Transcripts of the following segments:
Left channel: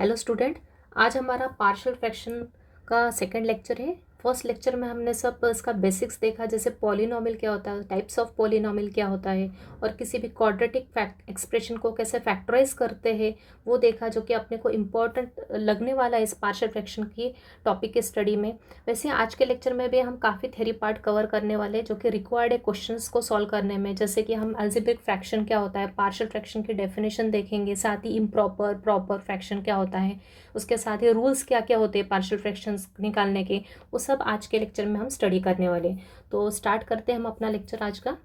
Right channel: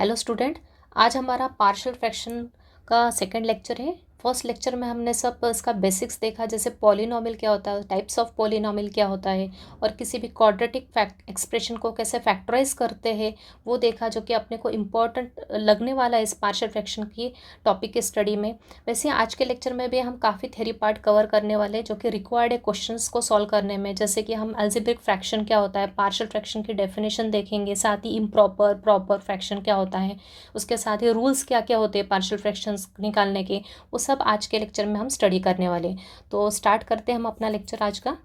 Hello student. आज हमारा partial fraction का सेकंड लेक्चर है। फर्स्ट लेक्चर में हमने सब इसका बेसिक्स देखा, जैसे पॉलिनॉमियल क्या होता है, टाइप्स ऑफ पॉलिनॉमियल क्या होता है, और किसी भी क्वाड्रेटिक फैक्ट एक्सप्रेशन को कैसे फैक्टराइज करते हैं वो देखा, जो कि अपने को इम्पोर्टेंट लगने वाला है इस पार्शियल फ्रैक्शन की टॉपिक की स्टडी में। वैसे आज के लेक्चर में भी हम काफ़ी थ्योरी पार्ट कवर करने वाले हैं जो कि रिक्वायर्ड है क्वेश्चंस को सॉल्व करने में, जैसे कि हम अलजेब्रिक फ्रैक्शन क्या होता है, पार्शियल फ्रैक्शन की डेफिनेशन देखेंगे, साथ ही इम्प्रॉपर प्रॉपर फ्रैक्शन क्या होता है, उसके साथ ही रूल्स क्या क्या होते हैं पार्शियल फ्रैक्शंस निकालने के, वो सब आज के लेक्चर में हम स्टडी करने वाले। तो स्टार्ट करते हैं हम अपना लेक्चर आज का।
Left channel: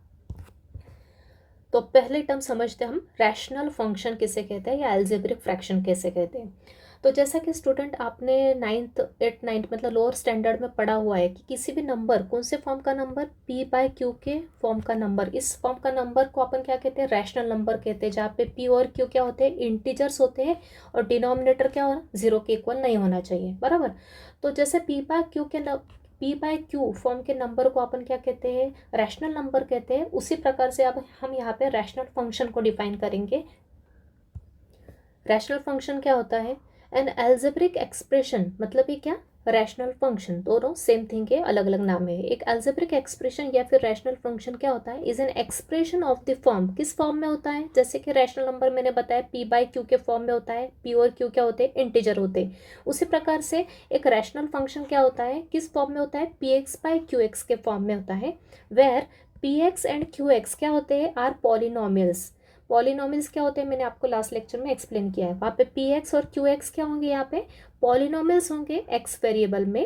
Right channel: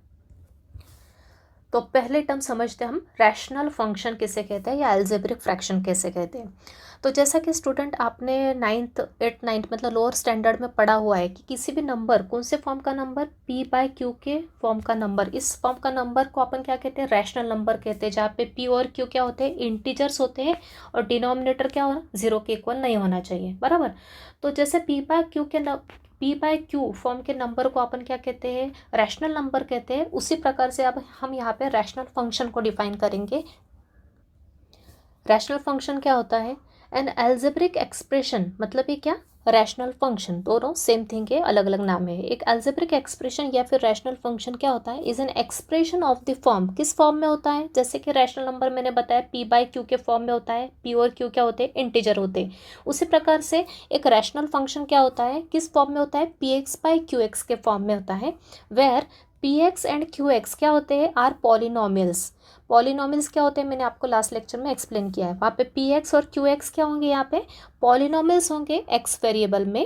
तो पहले टर्म समझते हैं हम, रैशनल फंक्शन किसे कहते हैं या अलजेब्रिक फ्रैक्शन कैसे कहते हैं। तो जैसा कि स्टूडेंट आपने नाइन्थ मतलब लोअर स्टैंडर्ड में पढ़ा हुआ है कि किसी भी नंबर, कौन से फॉर्म का नंबर, पी बाय क्यू के फॉर्म का नंबर, इस फॉर्म का नंबर को अपन क्या कहते हैं, रैशनल नंबर कहते हैं, जहाँ पे पी और क्यू क्या होते हैं, इंटीजर्स होते हैं, और डिनोमिनेटर क्या होना, जीरो के इक्वल नहीं होना चाहिए, बराबर। तो जैसे पी बाय क्यू फॉर्म के नंबर को अपन क्या कहते हैं, रैशनल नंबर कहते हैं, उसी प्रकार से अब हम यहाँ पे रैशनल फंक्शन को डिफाइन करेंगे। रैशनल फंक्शन क्या होता है, एन अलजेब्रिक एक्सप्रेशन, मतलब ये क्या, रैशनल फंक्शन, दोनों सेम थिंग के अलग अलग नाम है। एक अलजेब्रिक एक्सप्रेशन या फिर रैशनल फंक्शन क्या होता है, is an expression of the form, किस फॉर्म में होता है, जैसे कि रैशनल नंबर मैंने बताया पी बाय क्यू के फॉर्म में होता है, पी और क्यू क्या होते हैं, इंटीजर होते हैं। उसी प्रकार से एक रैशनल फंक्शन क्या होता है, किस फॉर्म में होता है, p x by q x के फॉर्म में होता है, where p x and q x क्या होते हैं, आर पॉलिनोमियल्स। पॉलिनोमियल्स क्या होते हैं, मैंने आपको लास्ट लेक्चर में एक्सप्लेन किया है। वहाँ पे पी एक्स और क्यू एक्स क्या होंगे, यहाँ पे पॉलिनोमियल्स होंगे एक्स वेरिएबल में,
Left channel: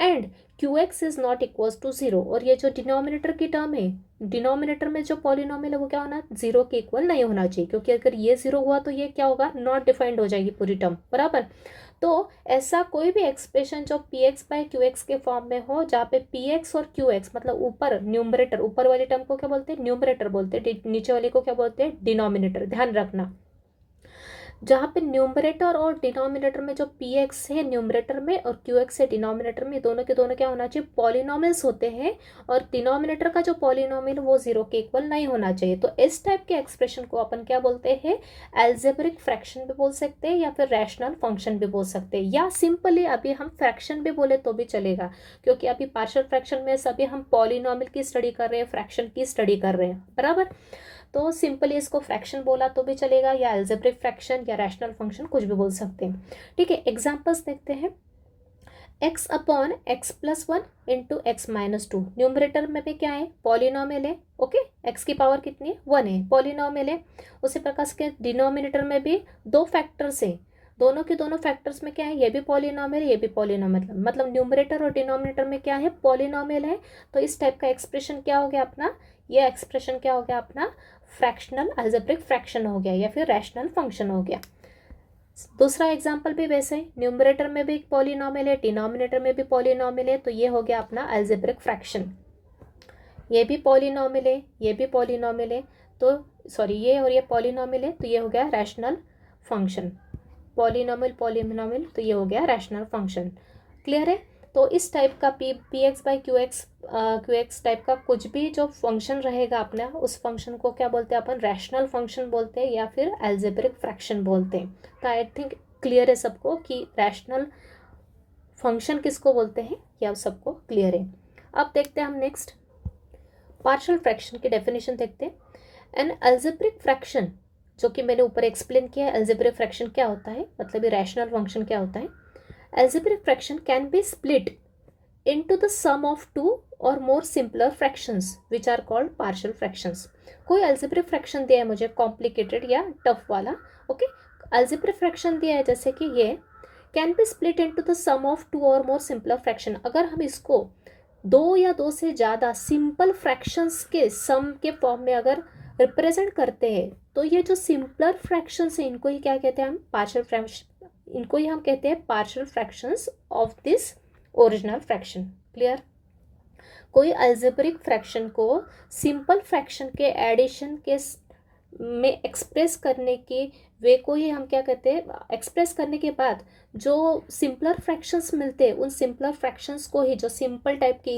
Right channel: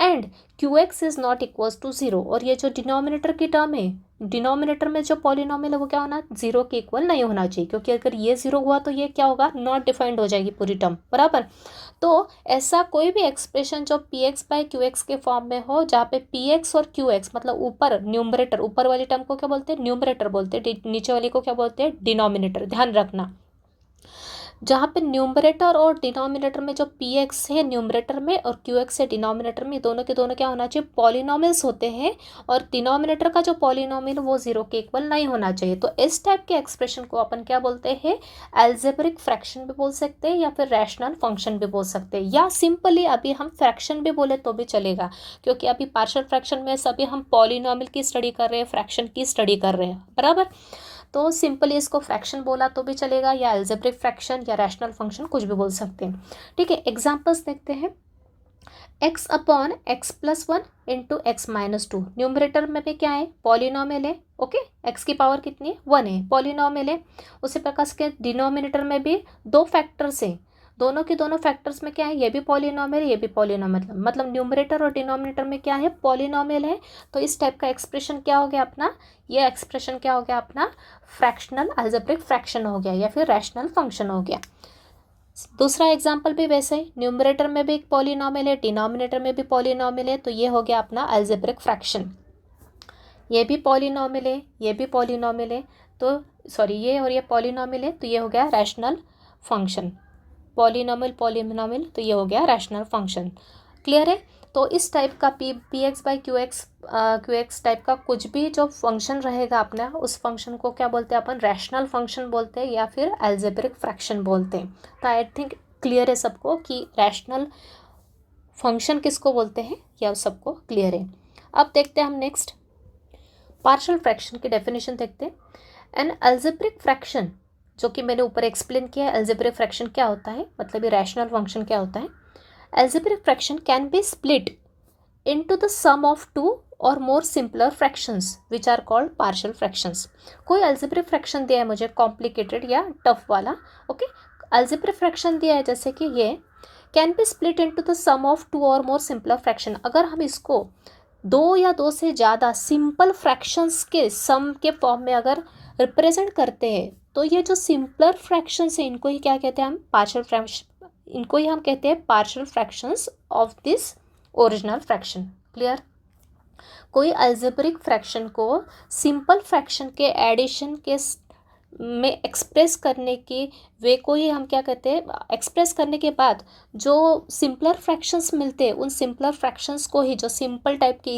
and q x is not equals to zero. और ये जो डिनोमिनेटर की टर्म है, डिनोमिनेटर में जो पॉलिनोमियल है वो क्या होना, जीरो के इक्वल नहीं होना चाहिए, क्योंकि अगर ये जीरो हुआ तो ये क्या होगा, नॉट डिफाइंड हो जाएगी पूरी टर्म, बराबर। तो ऐसा कोई भी एक्सप्रेशन जो P x by Q x के फॉर्म में हो, जहाँ पे पी एक्स और क्यू एक्स मतलब ऊपर न्यूमरेटर, ऊपर वाली टर्म को क्या बोलते हैं, न्यूमरेटर बोलते हैं, नीचे वाली को क्या बोलते हैं, डिनोमिनेटर, ध्यान रखना। जहाँ पे न्यूमरेटर और डिनोमिनेटर में जो पी एक्स है न्यूमरेटर में और क्यू एक्स है डिनोमिनेटर में, दोनों के दोनों क्या होना चाहिए, पॉलिनोमियल्स होते हैं, और डिनोमिनेटर का जो पॉलिनोमियल वो जीरो के इक्वल नहीं होना चाहिए। तो इस टाइप के एक्सप्रेशन को अपन क्या बोलते हैं, अलजेब्रिक फ्रैक्शन भी बोल सकते हैं, या फिर रैशनल फंक्शन भी बोल सकते हैं, या सिंपली अभी हम फ्रैक्शन भी बोले तो भी चलेगा, क्योंकि अभी पार्शियल फ्रैक्शन में सभी हम पॉलिनोमियल की स्टडी कर रहे हैं, फ्रैक्शन की स्टडी कर रहे हैं, बराबर। तो सिंपली इसको फ्रैक्शन बोला तो भी चलेगा, या अलजेब्रिक फ्रैक्शन या रैशनल फंक्शन कुछ भी बोल सकते हैं। ठीक है, एग्जांपल्स देखते हैं। X upon x plus one into x minus two, numerator में भी क्या है, पॉलिनोमियल है, ओके, एक्स की पावर कितनी है, वन है, पॉलिनोमियल है। उसी प्रकार से डिनोमिनेटर में भी दो फैक्टर्स है, दोनों के दोनों फैक्टर्स में क्या है, ये भी पॉलिनोमियल, ये भी पॉलिनोमियल, मतलब न्यूमरेटर और डिनोमिनेटर में क्या है, पॉलिनोमियल है। तो इस टाइप का एक्सप्रेशन क्या हो गया अपना, ये एक्सप्रेशन क्या हो गया अपना, फ्रैक्शनल अलजेब्रिक फ्रैक्शन हो गया, या फिर रैशनल फंक्शन हो गया। दूसरा एग्जाम्पल भी वैसे ही, न्यूमरेटर में भी एक पॉलिनोमियल है, डिनोमिनेटर में भी पॉलिनोमियल है, तो ये हो गया अपना अलजेब्रिक फ्रैक्शन। ये भी पॉलिनोमियल है, ये भी पॉलिनोमियल है, तो सॉरी ये और ये पॉलिनोमियल है, तो ये हो गया रैशनल फंक्शन। पॉलिनोमियल पॉलिनोमियल, तो ये हो गया रैशनल फंक्शन। क्लियर है। तो इस टाइप का P x by Q x type का कुछ भी जो फंक्शन रहेगा अपना, उस फंक्शन को क्या बोलते हैं अपन, रैशनल फंक्शन बोलते हैं, या फिर अलजेब्रिक फ्रैक्शन बोलते हैं। तो आई थिंक क्लियर है सबको कि रैशनल फंक्शन किसको बोलते हैं, या सबको क्लियर है। अब देखते हैं हम नेक्स्ट पार्शियल फ्रैक्शन की डेफिनेशन देखते हैं। एन अलजेब्रिक फ्रैक्शन, जो कि मैंने ऊपर एक्सप्लेन किया है, अलजेब्रिक फ्रैक्शन क्या होता है, मतलब ये रैशनल फंक्शन क्या होता है। Algebraic fraction can be split into the sum of two or more simpler fractions which are called partial fractions. कोई algebraic fraction दिया है मुझे complicated या tough वाला, okay? Algebraic fraction दिया है जैसे कि ये can be split into the sum of two or more simpler fraction। अगर हम इसको दो या दो से ज़्यादा सिंपल फ्रैक्शंस के सम के फॉर्म में अगर रिप्रेजेंट करते हैं, तो ये जो सिंपलर फ्रैक्शंस है इनको ही क्या कहते हैं हम, पार्शियल फ्रैक्शन, इनको ही हम कहते हैं partial fractions of this original fraction. Clear. कोई अलजेब्रिक फ्रैक्शन को सिंपल फ्रैक्शन के एडिशन के में एक्सप्रेस करने की वे को ही हम क्या कहते हैं, एक्सप्रेस करने के बाद जो सिंपलर फ्रैक्शंस मिलते हैं उन सिंपलर फ्रैक्शंस को ही, जो सिंपल टाइप के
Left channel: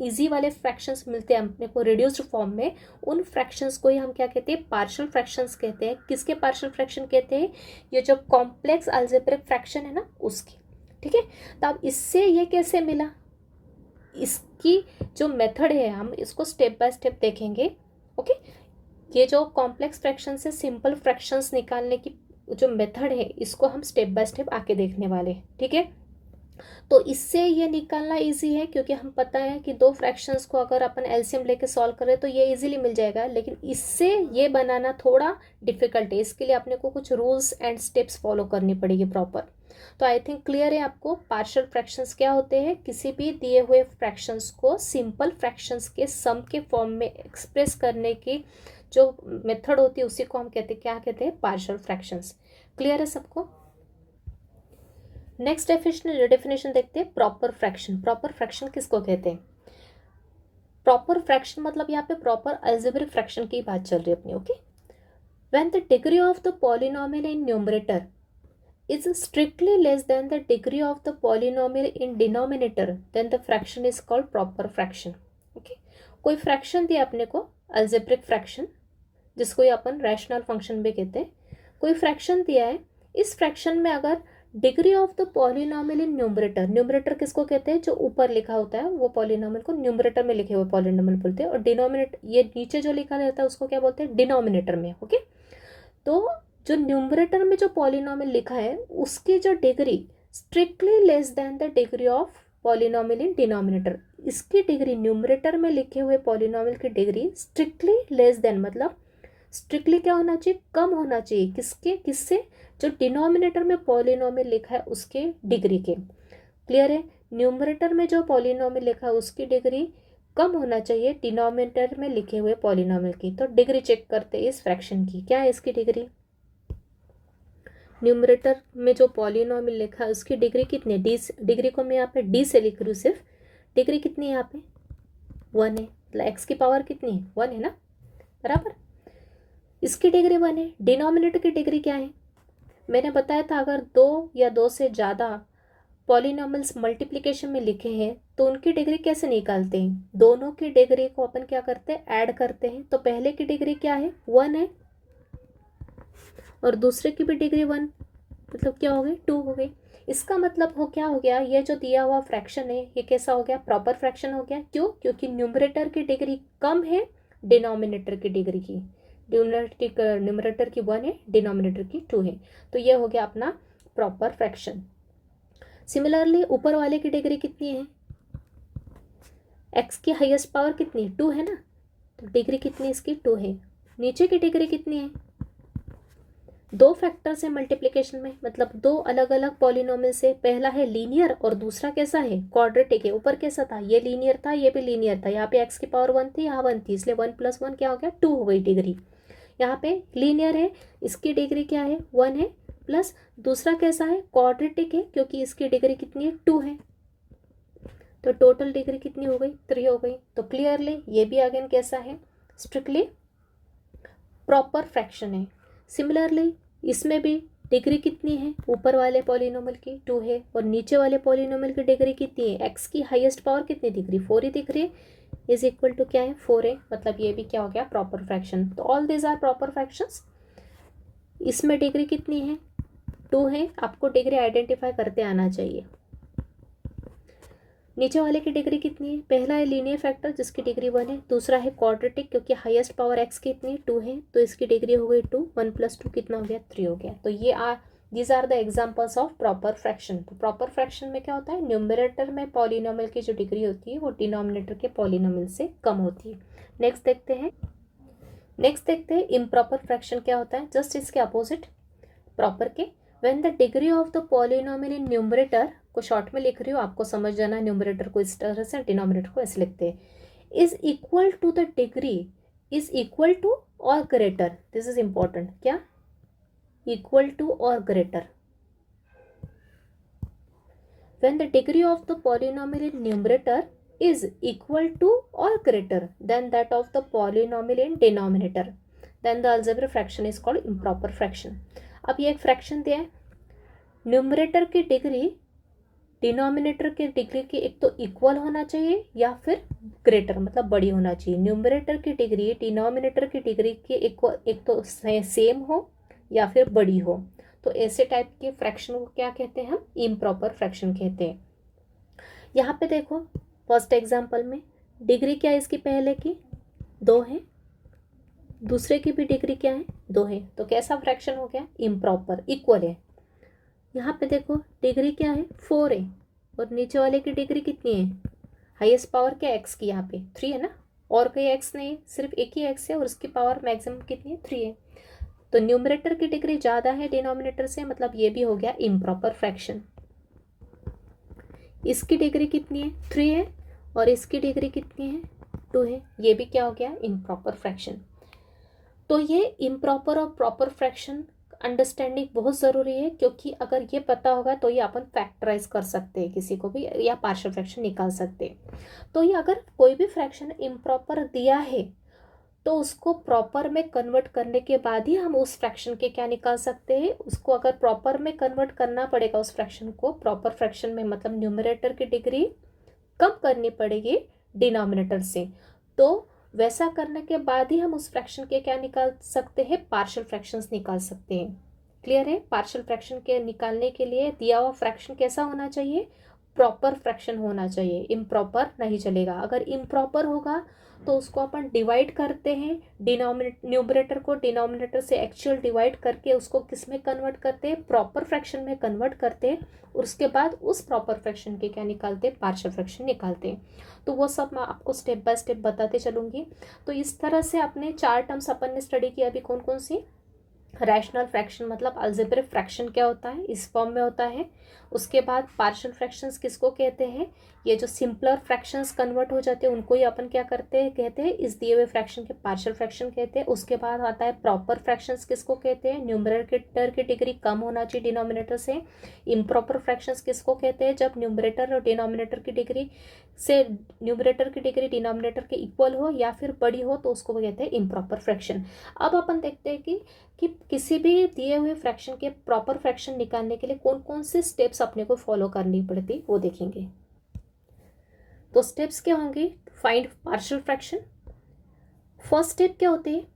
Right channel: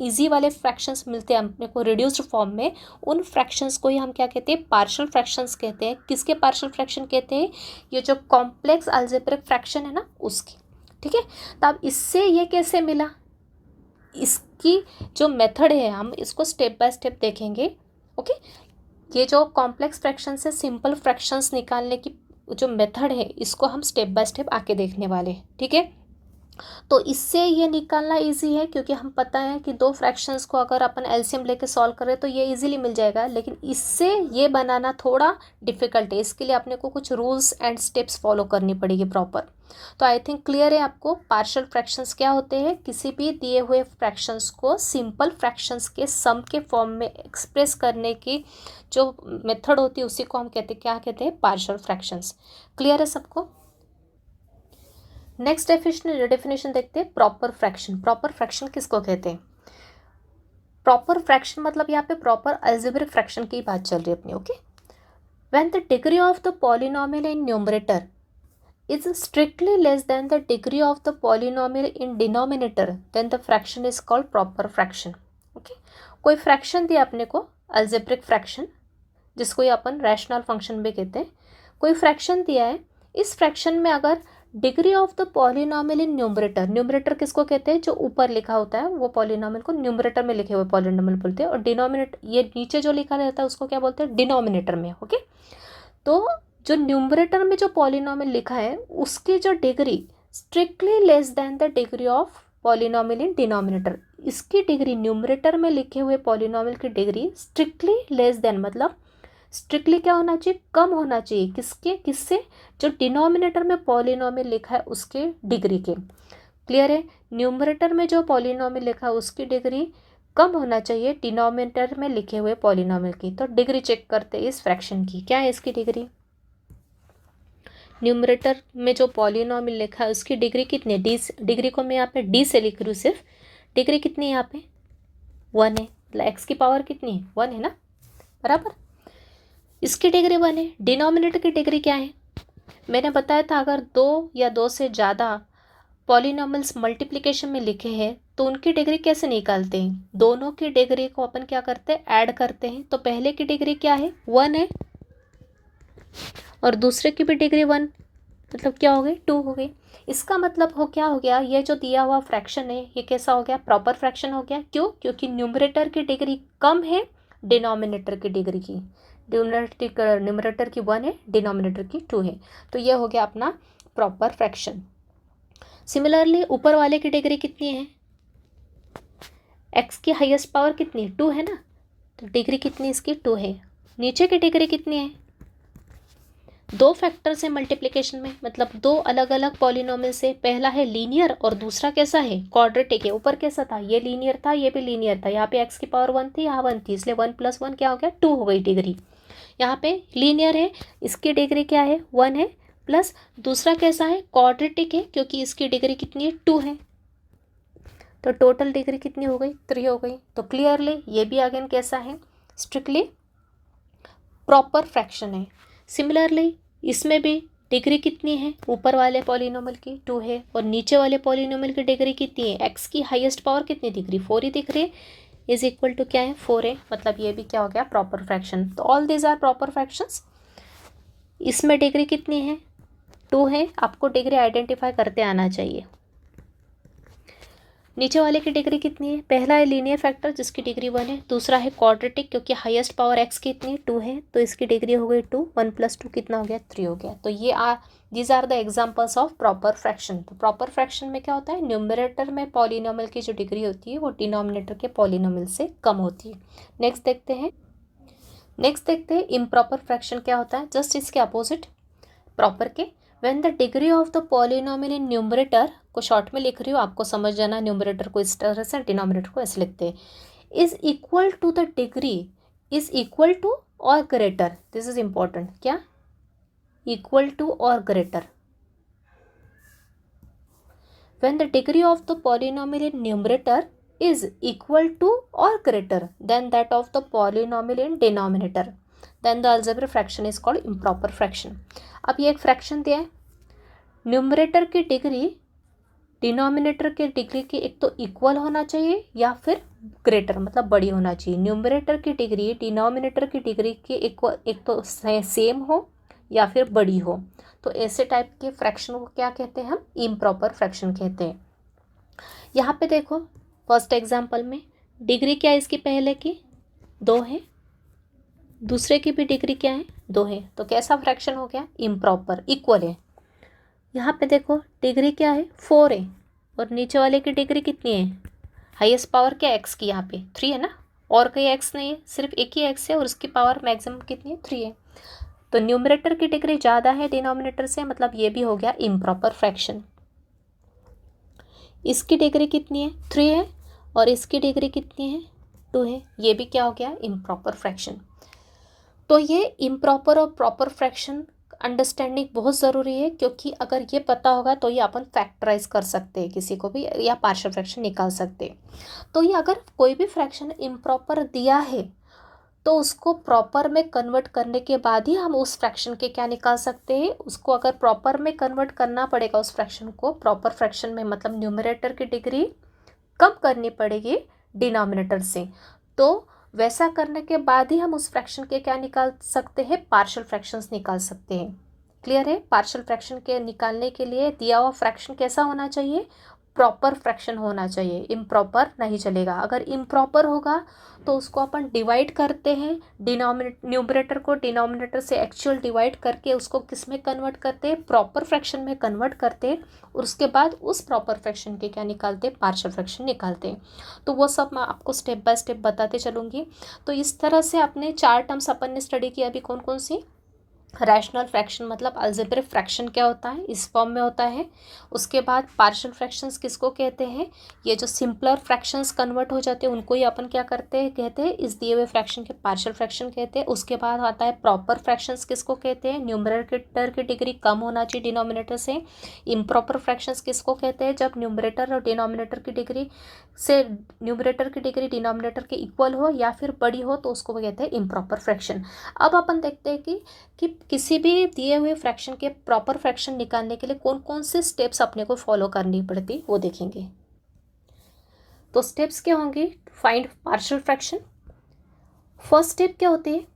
इजी वाले फ्रैक्शंस मिलते हैं अपने को रिड्यूस्ड फॉर्म में, उन फ्रैक्शंस को ही हम क्या कहते हैं, पार्शियल फ्रैक्शंस कहते हैं। किसके पार्शियल फ्रैक्शन कहते हैं, ये जो कॉम्प्लेक्स अलजेब्रिक फ्रैक्शन है ना उसकी। ठीक है, तो अब इससे ये कैसे मिला, इसकी जो मेथड है हम इसको स्टेप बाय स्टेप देखेंगे। ओके, ये जो कॉम्प्लेक्स फ्रैक्शन से सिंपल फ्रैक्शंस निकालने की जो मेथड है इसको हम स्टेप बाय स्टेप आके देखने वाले हैं। ठीक है, तो इससे ये निकालना इजी है क्योंकि हम पता है कि दो फ्रैक्शंस को अगर अपन एलसीएम लेके सॉल्व करें तो ये इजीली मिल जाएगा, लेकिन इससे ये बनाना थोड़ा डिफिकल्ट है। इसके लिए अपने को कुछ रूल्स एंड स्टेप्स फॉलो करनी पड़ेगी प्रॉपर। तो आई थिंक क्लियर है आपको पार्शियल फ्रैक्शंस क्या होते हैं, किसी भी दिए हुए फ्रैक्शंस को सिंपल फ्रैक्शंस के सम के फॉर्म में एक्सप्रेस करने की जो मेथड होती है उसी को हम कहते हैं, क्या कहते हैं, पार्शियल फ्रैक्शंस। क्लियर है सबको। नेक्स्ट डेफिनेशन देखते हैं, प्रॉपर फ्रैक्शन। प्रॉपर फ्रैक्शन किसको कहते हैं, प्रॉपर फ्रैक्शन मतलब यहाँ पे प्रॉपर अलजेब्रिक फ्रैक्शन की बात चल रही है अपनी। Okay, when the degree of the polynomial in numerator is strictly less than the degree of the polynomial in denominator, then the fraction is called proper fraction. Okay, कोई fraction दिया अपने को, अल्जेब्रिक फ्रैक्शन जिसको ये अपन rational function भी कहते हैं, कोई फ्रैक्शन दिया है, इस फ्रैक्शन में अगर degree of the polynomial in numerator, numerator किसको कहते हैं, जो ऊपर लिखा होता है वो पॉलिनोमियल को न्यूमरेटर में लिखे हुए पॉलिनोमियल बोलते हैं, और डिनोमिनेटर ये नीचे जो लिखा रहता है उसको क्या बोलते हैं, डिनोमिनेटर में। ओके, तो जो न्यूमरेटर में जो पॉलिनोमियल लिखा है उसकी जो degree strictly less than the degree of polynomial in denominator, इसकी डिग्री न्यूमरेटर में लिखे हुए पॉलिनोमियल की डिग्री स्ट्रिक्टली लेस देन मतलब स्ट्रिक्टली क्या होना चाहिए, कम होना चाहिए, किसके, किससे, जो डिनोमिनेटर में पॉलिनोमियल लिखा है उसके डिग्री के। क्लियर है, न्यूमरेटर में जो पॉलिनोमियल लिखा है उसकी डिग्री कम होना चाहिए डिनोमिनेटर में लिखे हुए पॉलिनोमियल की। तो डिग्री चेक करते हैं इस फ्रैक्शन की, क्या है इसकी डिग्री, न्यूमरेटर में जो पॉलिनोमियल लिखा है उसकी डिग्री कितनी है, डी, डिग्री को मैं यहाँ पे डी से लिख रही हूँ सिर्फ, डिग्री कितनी है यहाँ पे 1 है, मतलब एक्स की पावर कितनी है 1 है ना, बराबर, इसकी डिग्री 1 है। डिनोमिनेटर की डिग्री क्या है, मैंने बताया था अगर 2 या 2 से ज़्यादा पॉलिनोमियल्स मल्टीप्लिकेशन में लिखे हैं तो उनकी डिग्री कैसे निकालते हैं, दोनों की डिग्री को अपन क्या करते हैं, ऐड करते हैं। तो पहले की डिग्री क्या है 1 है और दूसरे की भी डिग्री 1, मतलब क्या हो गई 2 हो गई। इसका मतलब हो क्या हो गया, ये जो दिया हुआ फ्रैक्शन है ये कैसा हो गया, प्रॉपर फ्रैक्शन हो गया। क्यों, क्योंकि न्यूमरेटर की डिग्री कम है डिनोमिनेटर की डिग्री की, न्यूमरेटर की 1 है, डिनोमिनेटर की 2 है, तो ये हो गया अपना प्रॉपर फ्रैक्शन। सिमिलरली ऊपर वाले की डिग्री कितनी है, एक्स की हाईएस्ट पावर कितनी है 2 है ना, तो डिग्री कितनी है इसकी 2 है। नीचे की डिग्री कितनी है, दो फैक्टर से मल्टीप्लिकेशन में, मतलब दो अलग अलग पॉलिनोमियल से, पहला है लीनियर और दूसरा कैसा है, क्वाड्रेटिक है। ऊपर कैसा था, ये लीनियर था ये भी लीनियर था, यहाँ पे एक्स की पावर 1 थी यहाँ 1 थी, इसलिए 1 + 1 क्या हो गया 2 हो गई डिग्री। यहाँ पे लीनियर है, इसकी डिग्री क्या है 1 है, प्लस दूसरा कैसा है क्वाड्रेटिक है क्योंकि इसकी डिग्री कितनी है 2 है, तो टोटल डिग्री कितनी हो गई 3 हो गई। तो क्लियरली ये भी अगेन कैसा है, स्ट्रिक्टली प्रॉपर फ्रैक्शन है। सिमिलरली इसमें भी डिग्री कितनी है, ऊपर वाले पॉलिनोमियल की 2 है और नीचे वाले पॉलिनोमियल की डिग्री कितनी है, एक्स की हाईएस्ट पावर कितनी दिख रही 4 ही दिख रही है, इज इक्वल टू क्या है 4 है, मतलब ये भी क्या हो गया प्रॉपर फ्रैक्शन। तो all these are proper fractions. इसमें डिग्री कितनी है 2 है, आपको डिग्री आइडेंटिफाई करते आना चाहिए। नीचे वाले की डिग्री कितनी है, पहला है लीनियर फैक्टर जिसकी डिग्री 1 है, दूसरा है क्वाड्रेटिक क्योंकि हाईएस्ट पावर एक्स की इतनी 2 है, तो इसकी डिग्री हो गई 2, 1 + 2 कितना हो गया 3 हो गया। तो ये these are the examples of proper fraction. तो प्रॉपर फ्रैक्शन में क्या होता है, न्यूमरेटर में पॉलिनोमियल की जो डिग्री होती है वो डिनोमिनेटर के पॉलिनोमियल से कम होती है। नेक्स्ट देखते हैं इम्प्रॉपर फ्रैक्शन क्या होता है, जस्ट इसके अपोजिट प्रॉपर के। When the degree of the polynomial in numerator, को शॉर्ट में लिख रही हूँ आपको समझ जाना, न्यूमरेटर को इस तरह से डिनोमिनेटर को ऐसे लिखते हैं, is equal to the degree, is equal to और ग्रेटर, दिस इज इंपॉर्टेंट, क्या इक्वल टू और greater, when the degree of the polynomial in numerator is equal to और greater than that of the polynomial in denominator, then the algebraic fraction is called improper fraction. अब ये एक fraction दिया है, numerator की degree denominator के degree के एक तो इक्वल होना चाहिए या फिर ग्रेटर मतलब बड़ी होना चाहिए। न्यूमरेटर की डिग्री डिनोमिनेटर की डिग्री के इक्वल एक तो सेम हो या फिर बड़ी हो। तो ऐसे टाइप के फ्रैक्शन को क्या कहते हैं हम, इम्प्रॉपर फ्रैक्शन कहते हैं। यहाँ पे देखो फर्स्ट एग्जांपल में डिग्री क्या है इसकी, पहले की 2 है, दूसरे की भी डिग्री क्या है 2 है, तो कैसा फ्रैक्शन हो गया, इम्प्रॉपर, इक्वल है। यहाँ पे देखो डिग्री क्या है 4 है और नीचे वाले की डिग्री कितनी है, हाईएस्ट पावर क्या एक्स की, यहाँ पे 3 है ना, और कोई एक्स नहीं है, सिर्फ एक ही एक्स है और उसकी पावर मैक्सिमम कितनी है 3 है। तो न्यूमरेटर की डिग्री ज़्यादा है डिनोमिनेटर से, मतलब ये भी हो गया इम्प्रॉपर फ्रैक्शन। इसकी डिग्री कितनी है 3 है और इसकी डिग्री कितनी है 2 है, ये भी क्या हो गया इम्प्रॉपर फ्रैक्शन। तो ये इम्प्रॉपर और प्रॉपर फ्रैक्शन अंडरस्टैंडिंग बहुत ज़रूरी है, क्योंकि अगर ये पता होगा तो ये अपन फैक्टराइज कर सकते हैं किसी को भी, या पार्शियल फ्रैक्शन निकाल सकते हैं। तो ये अगर कोई भी फ्रैक्शन इम्प्रॉपर दिया है तो उसको प्रॉपर में कन्वर्ट करने के बाद ही हम उस फ्रैक्शन के क्या निकाल सकते हैं, उसको अगर प्रॉपर में कन्वर्ट करना पड़ेगा उस फ्रैक्शन को प्रॉपर फ्रैक्शन में, मतलब न्यूमरेटर की डिग्री कम करनी पड़ेगी डिनोमिनेटर से, तो वैसा करने के बाद ही हम उस फ्रैक्शन के क्या निकाल सकते हैं, पार्शियल फ्रैक्शंस निकाल सकते हैं। क्लियर है। पार्शियल फ्रैक्शन के निकालने के लिए दिया हुआ फ्रैक्शन कैसा होना चाहिए, प्रॉपर फ्रैक्शन होना चाहिए, इम्प्रॉपर नहीं चलेगा। अगर इम्प्रॉपर होगा तो उसको अपन डिवाइड करते हैं, न्यूमरेटर को डिनोमिनेटर से एक्चुअल डिवाइड करके उसको किस में कन्वर्ट करते हैं, प्रॉपर फ्रैक्शन में कन्वर्ट करते हैं, और उसके बाद उस प्रॉपर फ्रैक्शन के क्या निकालते हैं, पार्शियल फ्रैक्शन निकालते हैं। तो वो सब मैं आपको स्टेप बाय स्टेप बताते चलूँगी। तो इस तरह से अपने 4 टर्म्स अपन ने स्टडी किया अभी, कौन कौन सी, रैशनल फ्रैक्शन मतलब अलजेब्रिक फ्रैक्शन क्या होता है, इस फॉर्म में होता है। उसके बाद पार्शियल फ्रैक्शंस किसको कहते हैं, ये जो सिंपलर फ्रैक्शंस कन्वर्ट हो जाते हैं उनको ही अपन क्या करते हैं, कहते हैं इस दिए हुए फ्रैक्शन के पार्शियल फ्रैक्शन कहते हैं। उसके बाद आता है प्रॉपर फ्रैक्शंस, किसको कहते हैं, न्यूमरेटर की डिग्री कम होना चाहिए डिनोमिनेटर से। इम्प्रॉपर फ्रैक्शंस किसको कहते हैं, जब न्यूमरेटर और डिनोमिनेटर की डिग्री से न्यूमरेटर की डिग्री डिनोमिनेटर के इक्वल हो या फिर बड़ी हो, तो उसको कहते हैं इम्प्रॉपर फ्रैक्शन। अब अपन देखते हैं कि किसी भी दिए हुए फ्रैक्शन के प्रॉपर फ्रैक्शन निकालने के लिए कौन कौन से स्टेप्स अपने को फॉलो करनी पड़ती वो देखेंगे। तो स्टेप्स क्या होंगे, find partial fraction. First step क्या होती है,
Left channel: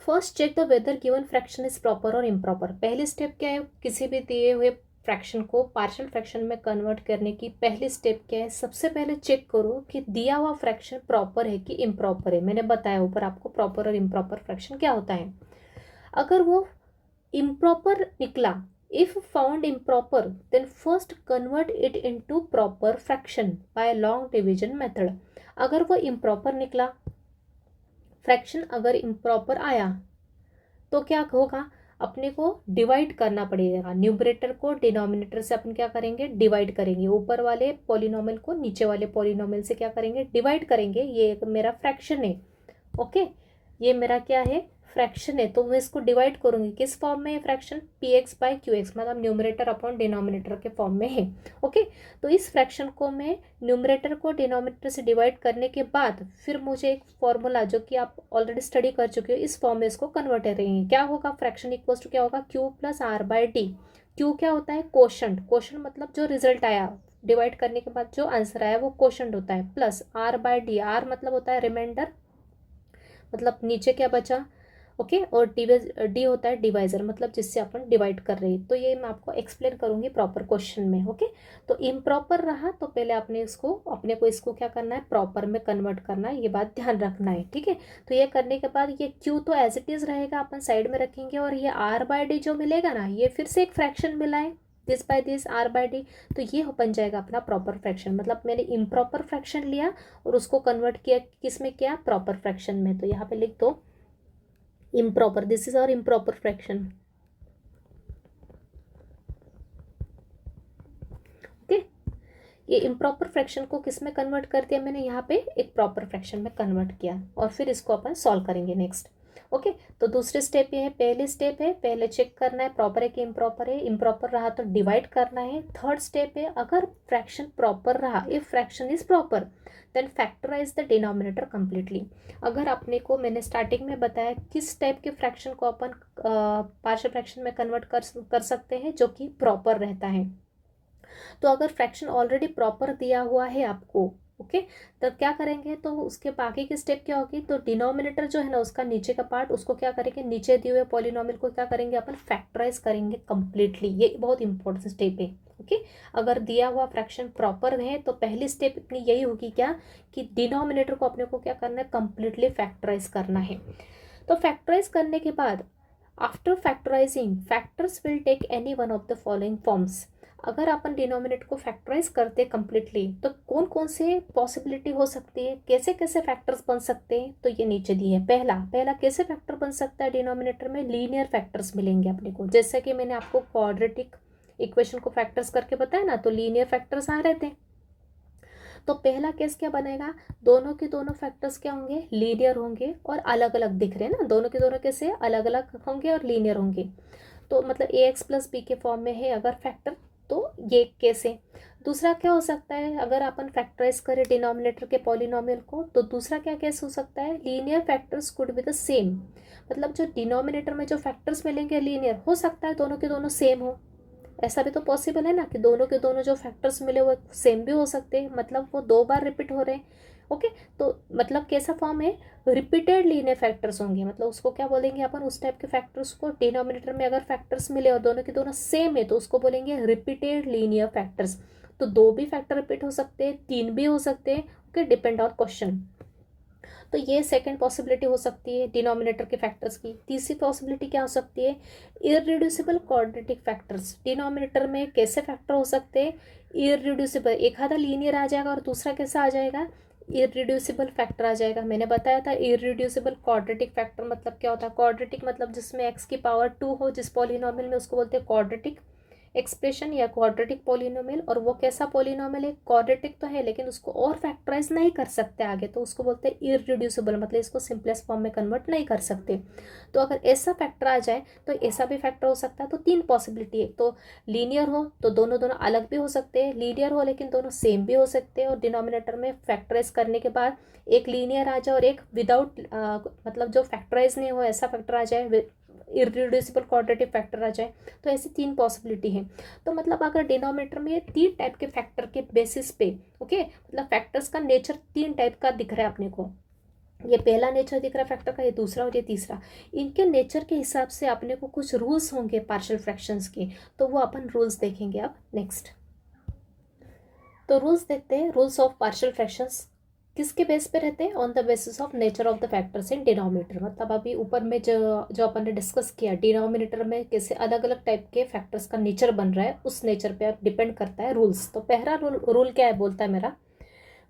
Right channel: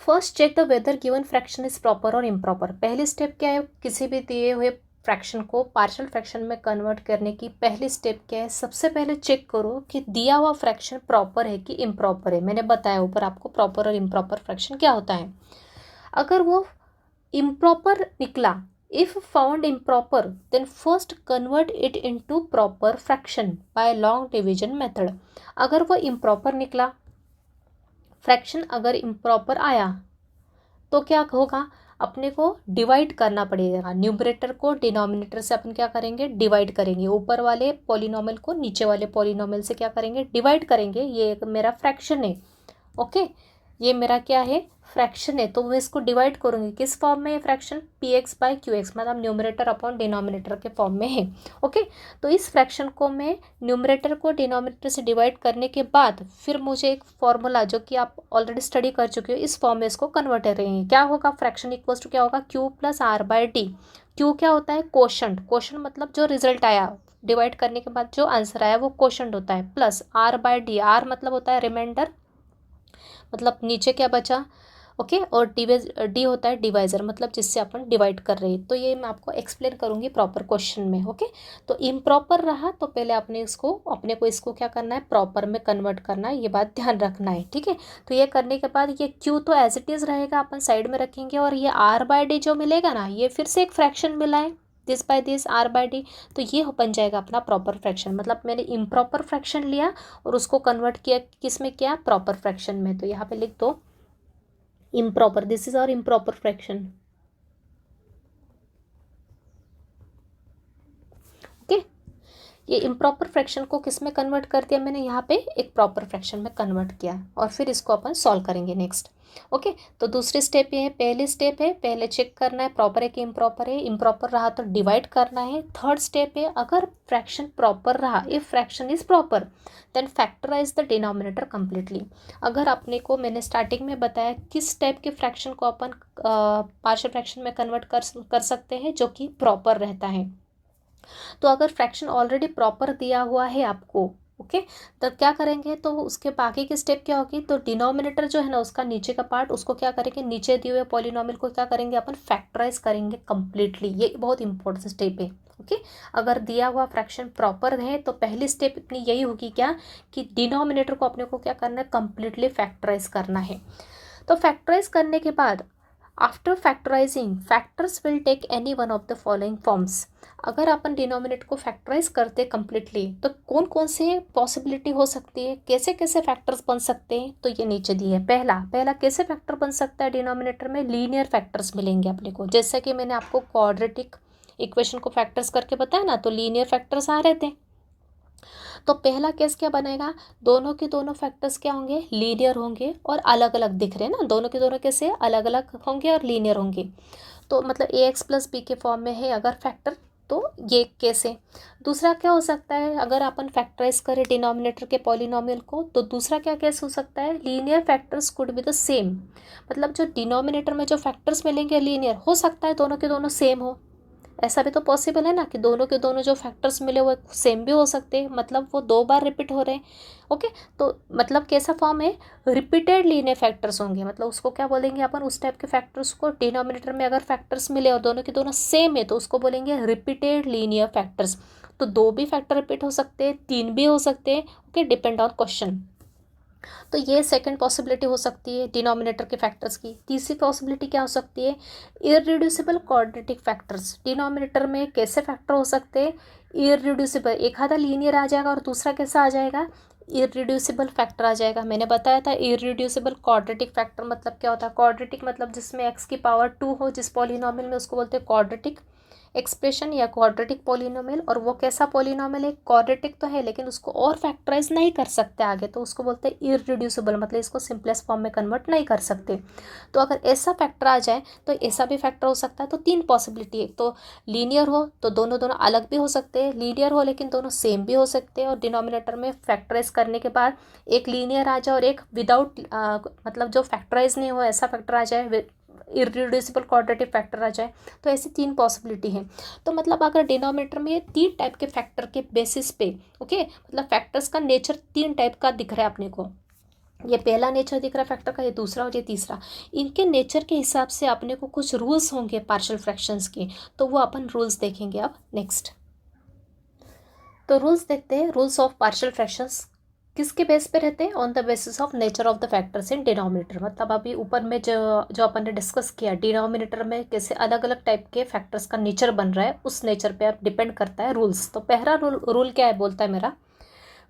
first check the whether given fraction is proper और इम्प्रॉपर। पहली स्टेप क्या है, किसी भी दिए हुए फ्रैक्शन को पार्शियल फ्रैक्शन में कन्वर्ट करने की पहली स्टेप क्या है, सबसे पहले चेक करो कि दिया हुआ फ्रैक्शन प्रॉपर है कि इम्प्रॉपर है। मैंने बताया ऊपर आपको प्रॉपर और इम्प्रॉपर फ्रैक्शन क्या होता है। अगर वो improper निकला, if found improper then first convert it into proper fraction by long division method। अगर वो improper निकला, फ्रैक्शन अगर improper आया तो क्या होगा, अपने को डिवाइड करना पड़ेगा, न्यूमरेटर को डिनोमिनेटर से अपन क्या करेंगे, डिवाइड करेंगे, ऊपर वाले पॉलिनोमियल को नीचे वाले पॉलिनोमियल से क्या करेंगे, डिवाइड करेंगे। ये एक मेरा फ्रैक्शन है, ओके, ये मेरा क्या है, फ्रैक्शन है, तो मैं इसको डिवाइड करूंगी किस फॉर्म में, ये fraction P x by Q x, मतलब न्यूमरेटर अपॉन डिनोमिनेटर के फॉर्म में है, ओके। तो इस फ्रैक्शन को मैं न्यूमरेटर को डिनोमिनेटर से डिवाइड करने के बाद फिर मुझे एक फॉर्मूला जो कि आप ऑलरेडी स्टडी कर चुके हो, इस फॉर्म में इसको कन्वर्ट करेंगे। क्या होगा, फ्रैक्शन इक्वल्स टू क्या होगा, q plus r by d. Q क्या होता है, कोशंट, कोशंट मतलब जो रिजल्ट आया डिवाइड करने के बाद जो आंसर आया वो कोशंट होता है, plus r by d, r मतलब होता है रिमाइंडर, मतलब नीचे क्या बचा, ओके, और डी होता है डिवाइजर, मतलब जिससे अपन डिवाइड कर रहे हैं। तो ये मैं आपको एक्सप्लेन करूंगी प्रॉपर क्वेश्चन में, ओके। तो इम्प्रॉपर रहा तो पहले अपने को इसको क्या करना है, प्रॉपर में कन्वर्ट करना है, ये बात ध्यान रखना है, ठीक है। तो ये करने के बाद ये क्यू तो एज इट इज़ रहेगा, अपन साइड में रखेंगे, और ये आर बाय डी जो मिलेगा ना, ये फिर से एक फ्रैक्शन मिला है, this by this r by d, तो ये बन जाएगा अपना प्रॉपर फ्रैक्शन। मतलब मैंने इम्प्रॉपर फ्रैक्शन लिया और उसको कन्वर्ट किया किस में, किया, प्रॉपर फ्रैक्शन में। तो यहाँ पे लिख दो improper, this is our improper fraction, okay. ये इम्प्रॉपर फ्रैक्शन को किस में कन्वर्ट कर दिया मैंने, यहाँ पे एक प्रॉपर फ्रैक्शन में कन्वर्ट किया, और फिर इसको अपन सॉल्व करेंगे नेक्स्ट। ओके, तो दूसरी स्टेप ये है, पहली स्टेप है पहले चेक करना है प्रॉपर है कि इम्प्रॉपर है, इम्प्रॉपर रहा तो डिवाइड करना है। थर्ड स्टेप है अगर फ्रैक्शन प्रॉपर रहा, if fraction is proper then factorise the denominator completely. अगर आपने को मैंने स्टार्टिंग में बताया किस टाइप के फ्रैक्शन को अपन पार्शियल फ्रैक्शन में कन्वर्ट कर सकते हैं जो कि प्रॉपर रहता है। तो अगर फ्रैक्शन ऑलरेडी प्रॉपर दिया हुआ है आपको, ओके, तो क्या करेंगे, तो उसके बाकी की स्टेप क्या होगी, तो डिनोमिनेटर जो है ना उसका नीचे का पार्ट उसको क्या करेंगे, नीचे दिए हुए पॉलिनोमियल को क्या करेंगे अपन फैक्टराइज करेंगे कंप्लीटली। ये बहुत इंपॉर्टेंट स्टेप है। ओके, अगर दिया हुआ फ्रैक्शन प्रॉपर है तो पहली स्टेप अपनी यही होगी क्या, कि डिनोमिनेटर को अपने को क्या करना है, कंप्लीटली फैक्टराइज करना है। तो फैक्टराइज करने के बाद after factorising factors will take any one of the following forms. अगर अपन डिनोमिनेटर को फैक्टराइज करते कंप्लीटली तो कौन कौन से पॉसिबिलिटी हो सकती है, कैसे कैसे फैक्टर्स बन सकते हैं, तो ये नीचे दिए है। पहला पहला कैसे फैक्टर बन सकता है डिनोमिनेटर में, लीनियर फैक्टर्स मिलेंगे अपने को। जैसे कि मैंने आपको क्वाड्रेटिक इक्वेशन को फैक्टर्स करके बताया ना, तो लीनियर फैक्टर्स आ रहे थे। तो पहला केस क्या बनेगा, दोनों के दोनों फैक्टर्स क्या होंगे, लीनियर होंगे और अलग अलग दिख रहे हैं ना, दोनों के दोनों कैसे अलग अलग होंगे और लीनियर होंगे। तो मतलब ए एक्स प्लस बी के फॉर्म में है अगर फैक्टर, तो ये केस है। दूसरा क्या हो सकता है, अगर अपन फैक्टराइज करें डिनोमिनेटर के पॉलिनोमियल को, तो दूसरा क्या केस हो सकता है, linear factors could be the same. मतलब जो डिनोमिनेटर में जो फैक्टर्स मिलेंगे लीनियर, हो सकता है दोनों के दोनों सेम हो, ऐसा भी तो पॉसिबल है ना कि दोनों के दोनों जो फैक्टर्स मिले वो सेम भी हो सकते हैं, मतलब वो दो बार रिपीट हो रहे हैं। ओके, तो मतलब कैसा फॉर्म है, रिपीटेड लीनियर फैक्टर्स होंगे, मतलब उसको क्या बोलेंगे अपन, उस टाइप के फैक्टर्स को डिनोमिनेटर में अगर फैक्टर्स मिले और दोनों के दोनों सेम है तो उसको बोलेंगे रिपीटेड लीनियर फैक्टर्स। तो दो भी फैक्टर रिपीट हो सकते हैं, तीन भी हो सकते हैं, ओके, डिपेंड ऑन क्वेश्चन। तो ये सेकंड पॉसिबिलिटी हो सकती है डिनोमिनेटर के फैक्टर्स की। तीसरी पॉसिबिलिटी क्या हो सकती है, इररिड्यूसिबल क्वाड्रेटिक फैक्टर्स। डिनोमिनेटर में कैसे फैक्टर हो सकते हैं, इररिड्यूसिबल, एक आधा लीनियर आ जाएगा और दूसरा कैसा आ जाएगा, इररिड्यूसिबल फैक्टर आ जाएगा। मैंने बताया था इररिड्यूसिबल क्वाड्रेटिक फैक्टर मतलब क्या होता है, क्वाड्रेटिक मतलब जिसमें एक्स की पावर 2 हो, जिस पॉलिनोमियल में, उसको बोलते हैं क्वाड्रेटिक एक्सप्रेशन या क्वाड्रेटिक पॉलिनोमियल। और वो कैसा पॉलिनोमियल है, क्वाड्रेटिक तो है लेकिन उसको और फैक्टराइज नहीं कर सकते आगे, तो उसको बोलते हैं इररिड्यूसिबल, मतलब इसको सिंपलेस्ट फॉर्म में कन्वर्ट नहीं कर सकते। तो अगर ऐसा फैक्टर आ जाए तो ऐसा भी फैक्टर हो सकता है। तो तीन पॉसिबिलिटी है, तो लीनियर हो तो दोनों दोनों अलग भी हो सकते हैं, लीनियर हो लेकिन दोनों सेम भी हो सकते हैं, और डिनोमिनेटर में फैक्टराइज करने के बाद एक लीनियर आ जाए और एक विदाउट मतलब जो फैक्टराइज नहीं हो ऐसा फैक्टर आ जाए, इररिड्यूसिबल क्वाड्रेटिक फैक्टर आ जाए। तो ऐसी तीन पॉसिबिलिटी है। तो मतलब अगर डिनोमिनेटर में तीन टाइप के फैक्टर के बेसिस पे, ओके, मतलब फैक्टर्स का नेचर तीन टाइप का दिख रहा है अपने को, ये पहला नेचर दिख रहा है फैक्टर का, ये दूसरा और ये तीसरा। इनके नेचर के हिसाब से अपने को कुछ रूल्स होंगे पार्शियल फ्रैक्शंस के, तो वो अपन रूल्स देखेंगे अब नेक्स्ट। तो रूल्स देखते हैं, रूल्स ऑफ पार्शियल फ्रैक्शंस किसके बेस पे रहते हैं, on the basis of nature of the factors in denominator. मतलब अभी ऊपर में जो जो अपन ने डिस्कस किया डिनोमिनेटर में कैसे अलग अलग टाइप के फैक्टर्स का नेचर बन रहा है, उस नेचर पे अब डिपेंड करता है रूल्स। तो पहला रूल क्या है, बोलता है मेरा,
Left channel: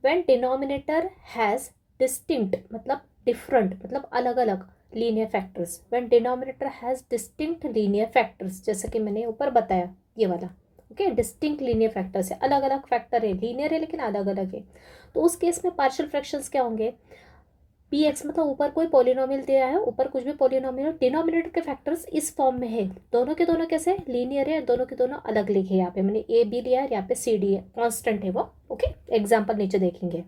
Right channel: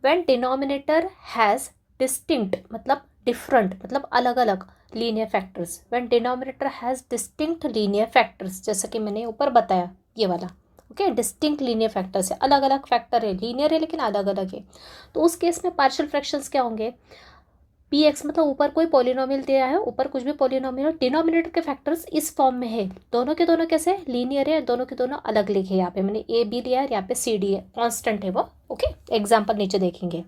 व्हेन डिनोमिनेटर हैज़ डिस्टिंक्ट मतलब डिफरेंट मतलब अलग अलग linear factors, when denominator has distinct linear factors, जैसे कि मैंने ऊपर बताया ये वाला, ओके, डिस्टिंक्ट लीनियर फैक्टर्स है, अलग अलग फैक्टर है, लीनियर है लेकिन अलग अलग है। तो उस केस में पार्शियल फ्रैक्शंस क्या होंगे, पी एक्स मतलब ऊपर कोई पॉलिनोमियल दिया है, ऊपर कुछ भी पॉलिनोमियल, डिनोमिनेटर के फैक्टर्स इस फॉर्म में है, दोनों के दोनों कैसे लीनियर है, दोनों के दोनों अलग लिखे, यहाँ पे मैंने ए बी लिया है, यहाँ पे सी डी है, कॉन्स्टेंट है वो, ओके, एग्जाम्पल नीचे देखेंगे।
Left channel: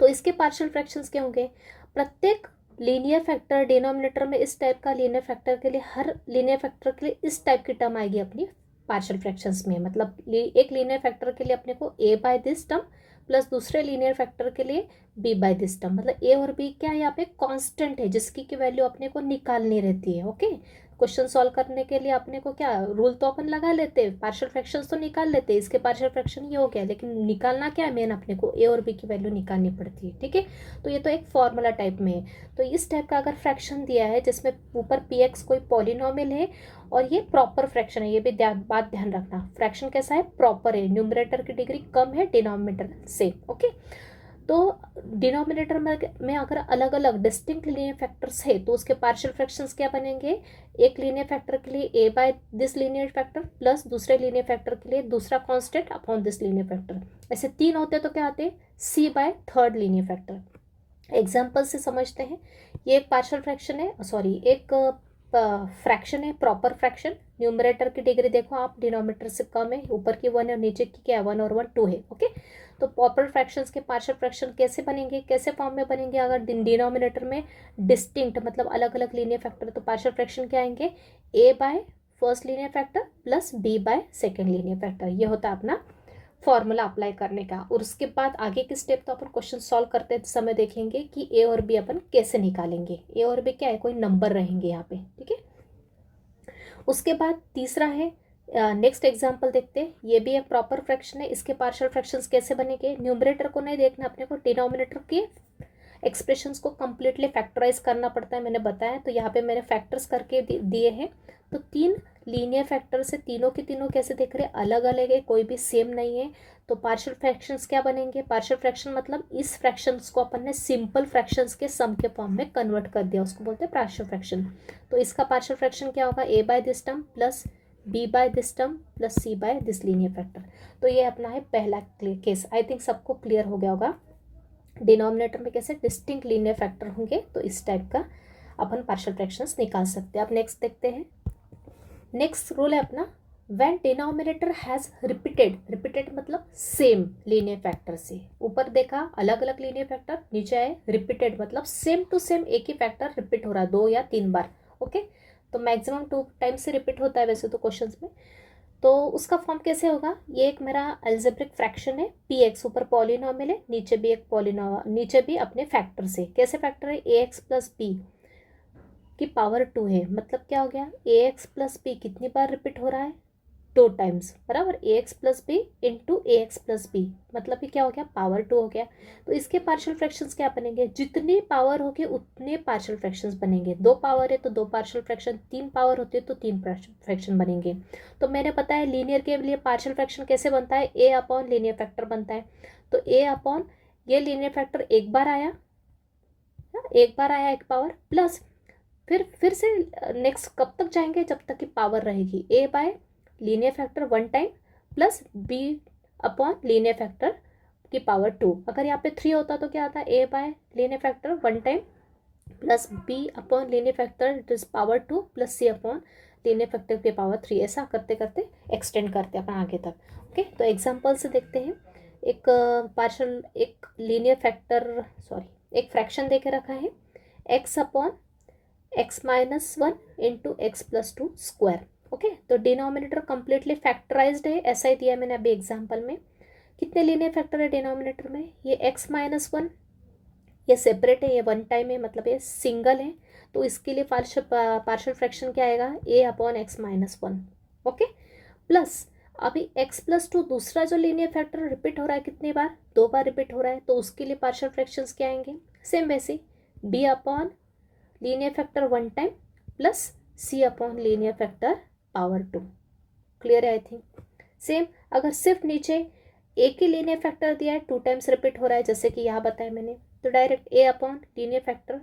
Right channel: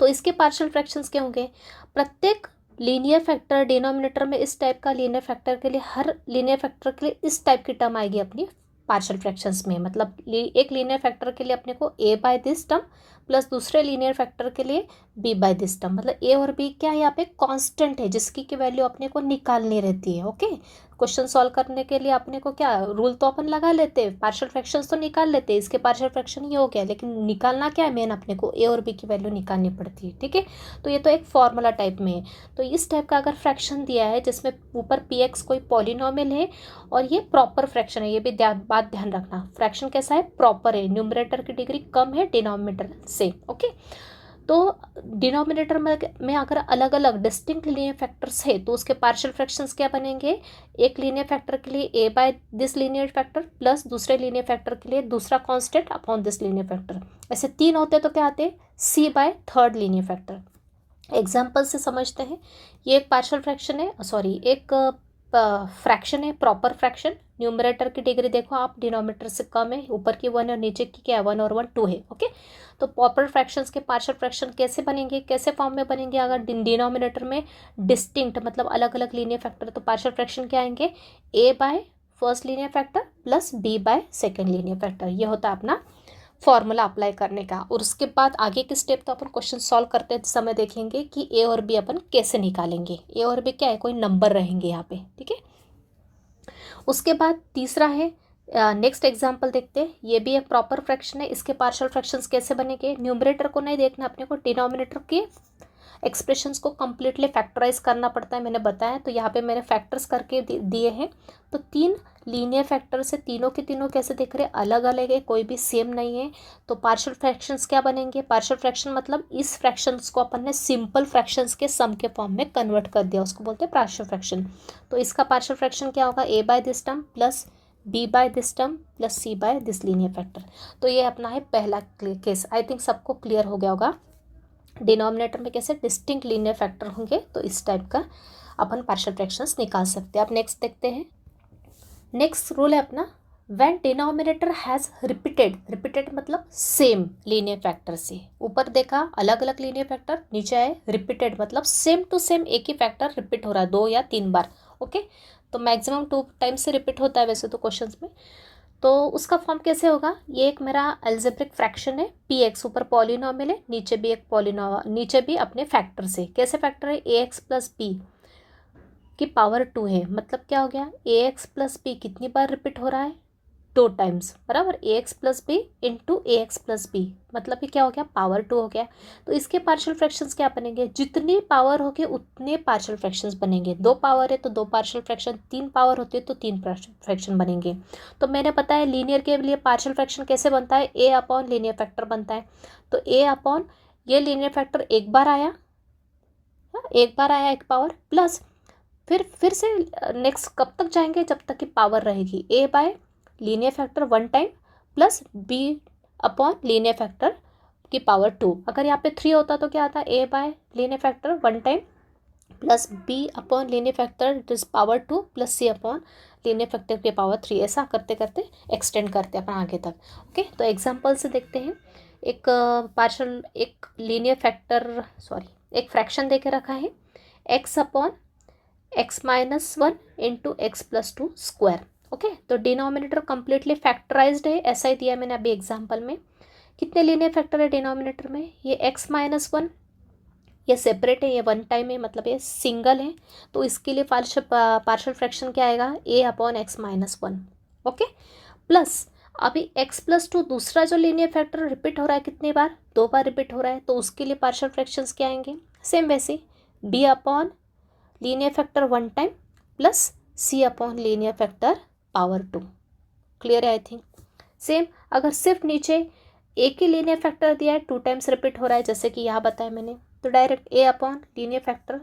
तो इसके पार्शियल फ्रैक्शंस क्या होंगे, प्रत्येक लीनियर फैक्टर डिनोमिनेटर में इस टाइप का लीनियर फैक्टर के लिए, हर लीनियर फैक्टर के लिए इस टाइप की टर्म आएगी अपनी पार्शियल फ्रैक्शंस में। मतलब एक लीनियर फैक्टर के लिए अपने को ए बाय दिस टर्म प्लस दूसरे लीनियर फैक्टर के लिए बी बाय दिस टर्म, मतलब ए और बी क्या है यहाँ पे कांस्टेंट है जिसकी की वैल्यू अपने को निकालनी रहती है। ओके, क्वेश्चन सॉल्व करने के लिए अपने को क्या रूल तो अपन लगा लेते हैं, पार्शियल फ्रैक्शंस तो निकाल लेते हैं, इसके पार्शियल फ्रैक्शन ये हो गया, लेकिन निकालना क्या है मेन, अपने को ए और बी की वैल्यू निकालनी पड़ती है। ठीक है, तो ये तो एक फॉर्मूला टाइप में है। तो इस टाइप का अगर फ्रैक्शन दिया है जिसमें ऊपर पी एक्स कोई पॉलिनोमियल है और ये प्रॉपर फ्रैक्शन है, ये भी बात ध्यान रखना, फ्रैक्शन कैसा है, प्रॉपर है, न्यूमरेटर की डिग्री कम है डिनोमिनेटर से। ओके, तो डिनोमिनेटर में अगर अलग अलग डिस्टिंक्ट लीनियर फैक्टर्स है तो उसके पार्शियल फ्रैक्शंस क्या बनेंगे, एक लीनियर फैक्टर के लिए A by this linear factor plus दूसरे लीनियर फैक्टर के लिए दूसरा constant upon this linear factor, ऐसे तीन होते तो क्या आते, C by third linear factor. Example से समझते हैं, ये एक पार्शियल फ्रैक्शन है, सॉरी एक फ्रैक्शन है, प्रॉपर फ्रैक्शन। न्यूमरेटर की डिग्री देखो आप, डिनोमिनेटर से कम है, ऊपर की 1 है और नीचे की क्या है, 1 और 1 2 है। ओके, तो प्रॉपर फ्रैक्शंस के पार्शियल फ्रैक्शन कैसे बनेंगे, कैसे फॉर्म में बनेंगे, अगर डिनोमिनेटर में डिस्टिंक्ट मतलब अलग अलग लीनियर फैक्टर, तो पार्शियल फ्रैक्शन क्या आएंगे, A by first linear factor plus B by second linear factor. ये होता है अपना फॉर्मूला अप्लाई करने का। और उसके बाद आगे के स्टेप तो अपन क्वेश्चन सॉल्व करते समय देखेंगे कि ए और बी अपन कैसे निकालेंगे। ए और बी क्या है, कोई नंबर रहेंगे यहाँ पे, ठीक है। उसके बाद तीसरा है, नेक्स्ट एग्जाम्पल देखते हैं। ये भी एक प्रॉपर फ्रैक्शन है, इसके पार्शियल फ्रैक्शंस कैसे बनेंगे, न्यूमरेटर को नहीं देखना अपने को, डिनोमिनेटर के एक्सप्रेशंस को कंप्लीटली फैक्टराइज करना पड़ता है, मैंने बताया। तो यहाँ पे मैंने फैक्टर्स करके दिए हैं। तो 3 लीनियर फैक्टर से तीनों के तीनों कैसे दिख रहे हैं, अलग अलग है, कोई भी सेम नहीं है। तो पार्शियल फ्रैक्शंस क्या बनेंगे, पार्शियल फ्रैक्शन मतलब इस फ्रैक्शंस को अपन ने सिंपल फ्रैक्शंस के सम के फॉर्म में कन्वर्ट कर दिया, उसको बोलते हैं पार्शियल फ्रैक्शन। तो इसका पार्शियल फ्रैक्शन क्या होगा, A by this term plus B by this term plus C by this linear factor. तो ये अपना है पहला केस। आई थिंक सबको क्लियर हो गया होगा। डिनोमिनेटर में कैसे डिस्टिंक्ट लीनियर फैक्टर होंगे, तो इस टाइप का अपन पार्शियल फ्रैक्शंस निकाल सकते हैं। अब नेक्स्ट देखते हैं। नेक्स्ट रूल है अपना, व्हेन डिनोमिनेटर हैज़ रिपीटेड मतलब सेम लीनियर फैक्टर से, ऊपर देखा अलग अलग लीनियर फैक्टर, नीचे आए रिपीटेड मतलब सेम टू सेम एक ही फैक्टर रिपीट हो रहा है 2 या 3 बार। ओके, तो मैक्सिमम 2 टाइम्स से रिपीट होता है वैसे तो क्वेश्चंस में। तो उसका फॉर्म कैसे होगा, ये एक मेरा अलजेब्रिक फ्रैक्शन है, पी एक्स ऊपर पॉलिनॉमियल है, नीचे भी एक नीचे भी अपने फैक्टर से, कैसे फैक्टर है, ए एक्स प्लस बी की पावर 2 है। मतलब क्या हो गया, ए एक्स प्लस बी कितनी बार रिपीट हो रहा है, 2 टाइम्स, बराबर, ए एक्स प्लस बी इंटू ए एक्स प्लस बी, मतलब ये क्या हो गया, पावर 2 हो गया। तो इसके पार्शियल फ्रैक्शंस क्या बनेंगे, जितनी पावर होगी उतने पार्शियल फ्रैक्शंस बनेंगे। 2 पावर है तो 2 पार्शियल फ्रैक्शन, 3 पावर होती है तो 3 पार्शियल फ्रैक्शन बनेंगे। तो मैंने पता है लीनियर के लिए पार्शियल फ्रैक्शन कैसे बनता है, ए अपॉन लीनियर फैक्टर बनता है। तो ए अपॉन ये लीनियर फैक्टर एक बार आया, एक बार आया एक पावर, प्लस फिर से नेक्स्ट कब तक जाएंगे, जब तक कि पावर रहेगी, A by linear factor 1 time plus B upon linear factor की पावर 2। अगर यहाँ पे 3 होता तो क्या आता, A by linear factor 1 time plus B upon linear factor it is power 2 plus C upon linear factor की पावर 3। ऐसा करते करते एक्सटेंड करते हैं अपन आगे तक। ओके, तो एग्जाम्पल से देखते हैं। एक पार्शियल एक लीनियर फैक्टर सॉरी एक फ्रैक्शन दे के रखा है, x upon X minus 1 into x plus 2 square. Okay, तो डिनोमिनेटर कंप्लीटली फैक्टराइज्ड है, ऐसा ही दिया मैंने अभी एग्जांपल में। कितने लीनियर फैक्टर है डिनोमिनेटर में, ये एक्स माइनस 1, ये सेपरेट है, ये 1 टाइम है मतलब ये सिंगल है। तो इसके लिए पार्शियल फ्रैक्शन क्या आएगा, A upon X minus 1। Okay, plus अभी एक्स प्लस 2 दूसरा जो लीनियर फैक्टर रिपीट हो रहा है कितनी बार, 2 बार रिपीट हो रहा है, तो उसके लिए पार्शियल फ्रैक्शंस क्या आएंगे, सेम वैसे B upon linear factor 1 time plus C upon linear factor power 2। Clear है आई थिंक। सेम अगर सिर्फ नीचे एक ही लीनियर फैक्टर दिया है, 2 टाइम्स रिपीट हो रहा है जैसे कि यहाँ बताया मैंने, तो direct a upon linear factor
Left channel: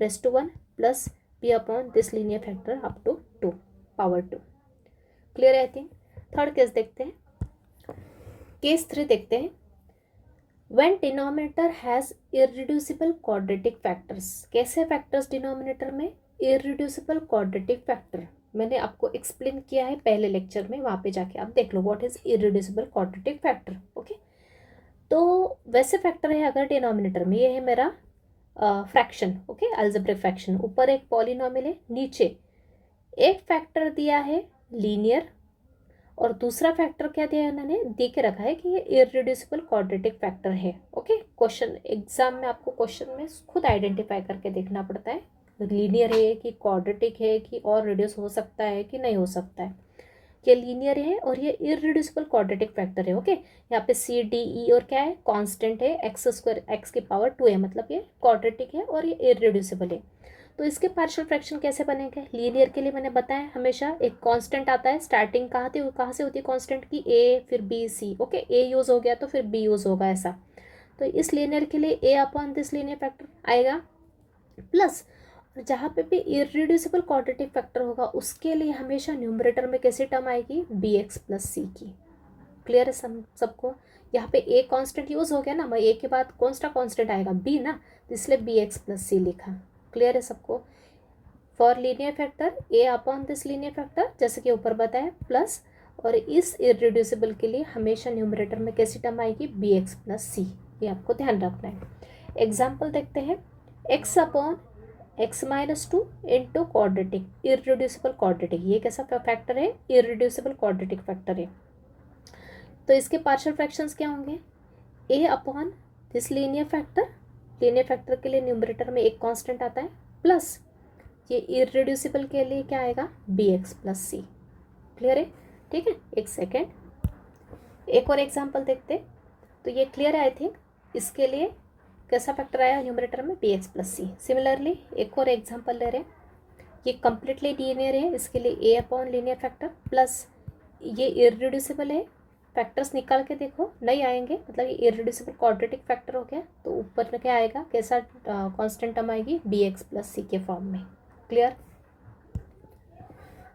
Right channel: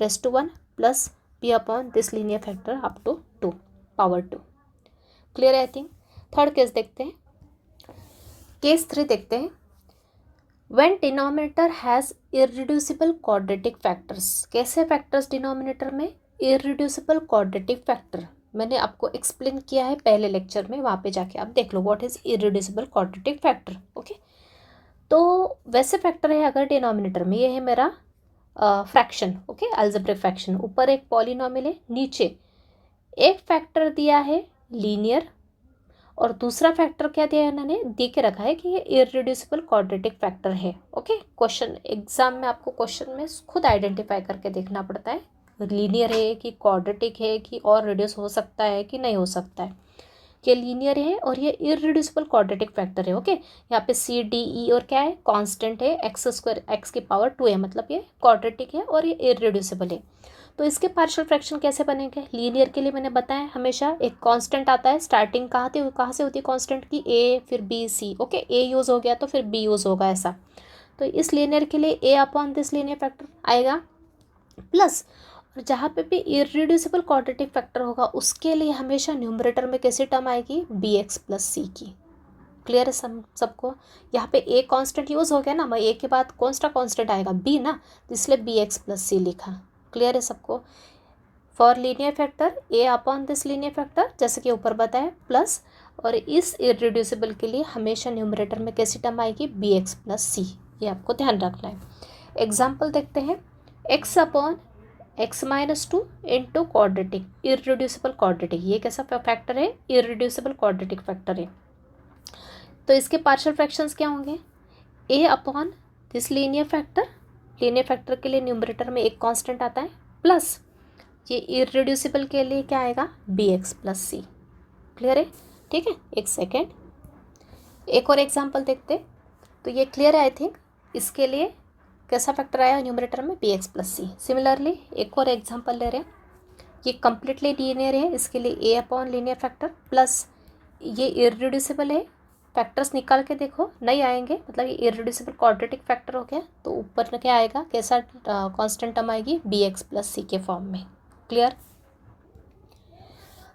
raise to 1 plus B upon this linear factor up to 2 power 2। Clear है आई थिंक। थर्ड केस देखते हैं, केस 3 देखते हैं। When denominator has irreducible quadratic factors, कैसे फैक्टर्स डिनोमिनेटर में, irreducible quadratic factor मैंने आपको explain किया है पहले लेक्चर में, वहाँ पे जाके आप देख लो what is irreducible quadratic factor। Okay, तो वैसे फैक्टर है अगर डिनोमिनेटर में, ये है मेरा फ्रैक्शन, ओके, अलजेब्रिक फ्रैक्शन, ऊपर एक पॉलिनॉमियल है, नीचे एक फैक्टर दिया है लीनियर और दूसरा फैक्टर क्या दिया है, इन्होंने दे के रखा है कि ये इररिड्यूसिबल क्वाड्रेटिक फैक्टर है। ओके, क्वेश्चन एग्जाम में आपको क्वेश्चन में खुद आइडेंटिफाई करके देखना पड़ता है, लीनियर है कि क्वाड्रेटिक है कि और रिड्यूस हो सकता है कि नहीं हो सकता है। ये लीनियर है और ये इररिड्यूसिबल क्वाड्रेटिक फैक्टर है। ओके, यहाँ पे सी डी ई और क्या है, कांस्टेंट है, एक्स स्क्वायर एक्स की पावर 2 है, मतलब ये क्वाड्रेटिक है और ये इररिड्यूसिबल है। तो इसके पार्शियल फ्रैक्शन कैसे बनेंगे, लीनियर के लिए मैंने बताया हमेशा एक कांस्टेंट आता है, स्टार्टिंग कहाँ से होती है कांस्टेंट की, ए फिर b c. Okay, a use हो गया तो फिर बी यूज़ होगा ऐसा। तो इस लीनियर के लिए ए अपॉन दिस लीनियर फैक्टर आएगा, प्लस और जहाँ पे भी इररिड्यूसिबल क्वाड्रेटिक फैक्टर होगा उसके लिए हमेशा न्यूमरेटर में कैसी टर्म आएगी, बी एक्स प्लस सी की। क्लियर है सबको। यहाँ पे ए कांस्टेंट यूज़ हो गया ना, ए के बाद कौन सा कांस्टेंट आएगा, बी ना, तो इसलिए बी एक्स प्लस सी लिखा। क्लियर है सबको? For linear factor A upon this linear factor, जैसे कि ऊपर बताया, प्लस, और इस इररिड्यूसिबल के लिए हमेशा न्यूमरेटर में कैसी टर्म आएगी? बी एक्स प्लस सी। ये आपको ध्यान रखना है। एग्जाम्पल देखते हैं। X upon X minus two into quadratic, irreducible quadratic. ये कैसा फैक्टर है? इररिड्यूसिबल क्वाड्रेटिक फैक्टर है। तो इसके पार्शियल फ्रैक्शंस क्या होंगे? A upon this linear factor, linear factor के लिए न्यूमरेटर में एक कांस्टेंट आता है, प्लस ये इररिड्यूसिबल के लिए क्या आएगा? बी एक्स प्लस सी। क्लियर है? ठीक है, एक सेकेंड, एक और एग्जाम्पल देखते। तो ये क्लियर है आई थिंक। इसके लिए कैसा फैक्टर आया न्यूमरेटर में? बी एक्स प्लस सी। सिमिलरली एक और एग्जाम्पल ले रहे हैं, ये कम्प्लीटली लीनियर है, इसके लिए ए अपॉन लीनियर फैक्टर, प्लस ये इररिड्यूसिबल है, फैक्टर्स निकाल के देखो नहीं आएंगे, मतलब ये इररिड्यूसिबल क्वाड्रेटिक फैक्टर हो गया, तो ऊपर में क्या आएगा? कैसा कांस्टेंट टर्म आएगी? बी एक्स प्लस सी के फॉर्म में। क्लियर?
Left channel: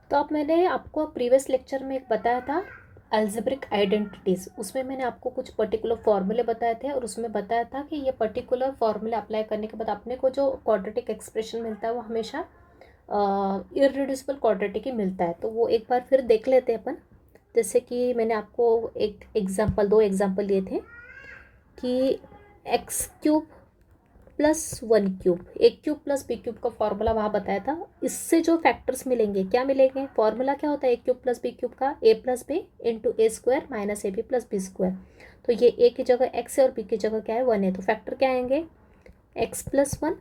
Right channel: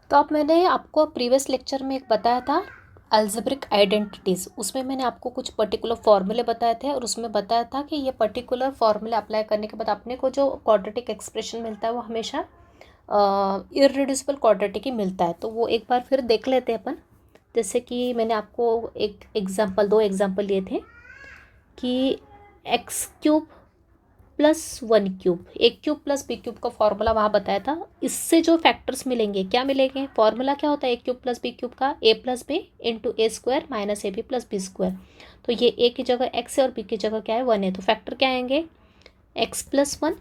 तो अब मैंने आपको प्रीवियस लेक्चर में एक बताया था अलजेब्रिक आइडेंटिटीज़, उसमें मैंने आपको कुछ पर्टिकुलर फॉर्मूले बताए थे, और उसमें बताया था कि ये पर्टिकुलर फॉर्मूले अप्लाई करने के बाद अपने को जो क्वाड्रेटिक एक्सप्रेशन मिलता है वो हमेशा इररिड्यूसिबल क्वाड्रेटिक ही मिलता है। तो वो एक बार फिर देख लेते हैं अपन। जैसे कि मैंने आपको एक एग्जांपल, 2 एग्जांपल लिए थे कि एक्स क्यूब प्लस 1 क्यूब, ए क्यूब प्लस बी क्यूब का फॉर्मूला वहाँ बताया था। इससे जो फैक्टर्स मिलेंगे, क्या मिलेंगे? फॉर्मूला क्या होता है A cube plus B cube का? A plus B into A square minus A B plus B square. तो ये ए की जगह एक्स है और बी की जगह क्या है? 1 है। तो फैक्टर क्या आएंगे? X plus 1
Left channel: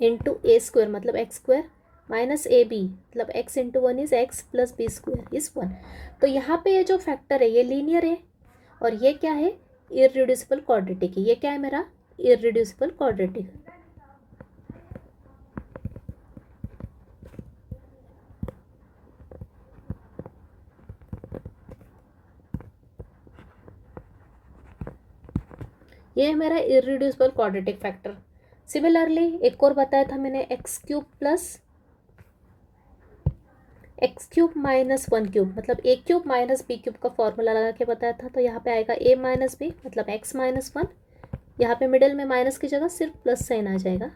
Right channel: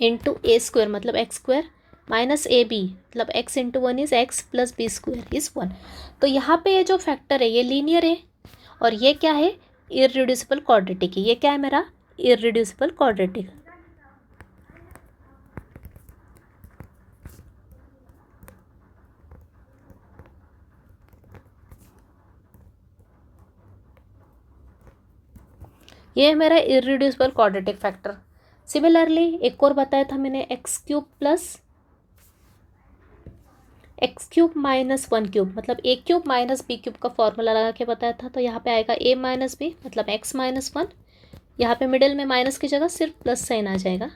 into A square मतलब X square minus A B मतलब X into 1 is X plus B square is 1। तो यहाँ पे ये जो फैक्टर है ये लीनियर है, और ये क्या है? इररिड्यूसिबल क्वाड्रेटिक है। ये क्या है मेरा? Irreducible quadratic. ये है मेरा इररिड्यूसिबल क्वाड्रेटिक फैक्टर। सिमिलरली एक और बताया था मैंने, x cube plus x cube minus 1 cube मतलब ए क्यूब माइनस बी क्यूब का फॉर्मूला लगा के बताया था। तो यहाँ पे आएगा ए माइनस बी मतलब एक्स माइनस 1, यहाँ पे मिडिल में माइनस की जगह सिर्फ प्लस साइन आ जाएगा।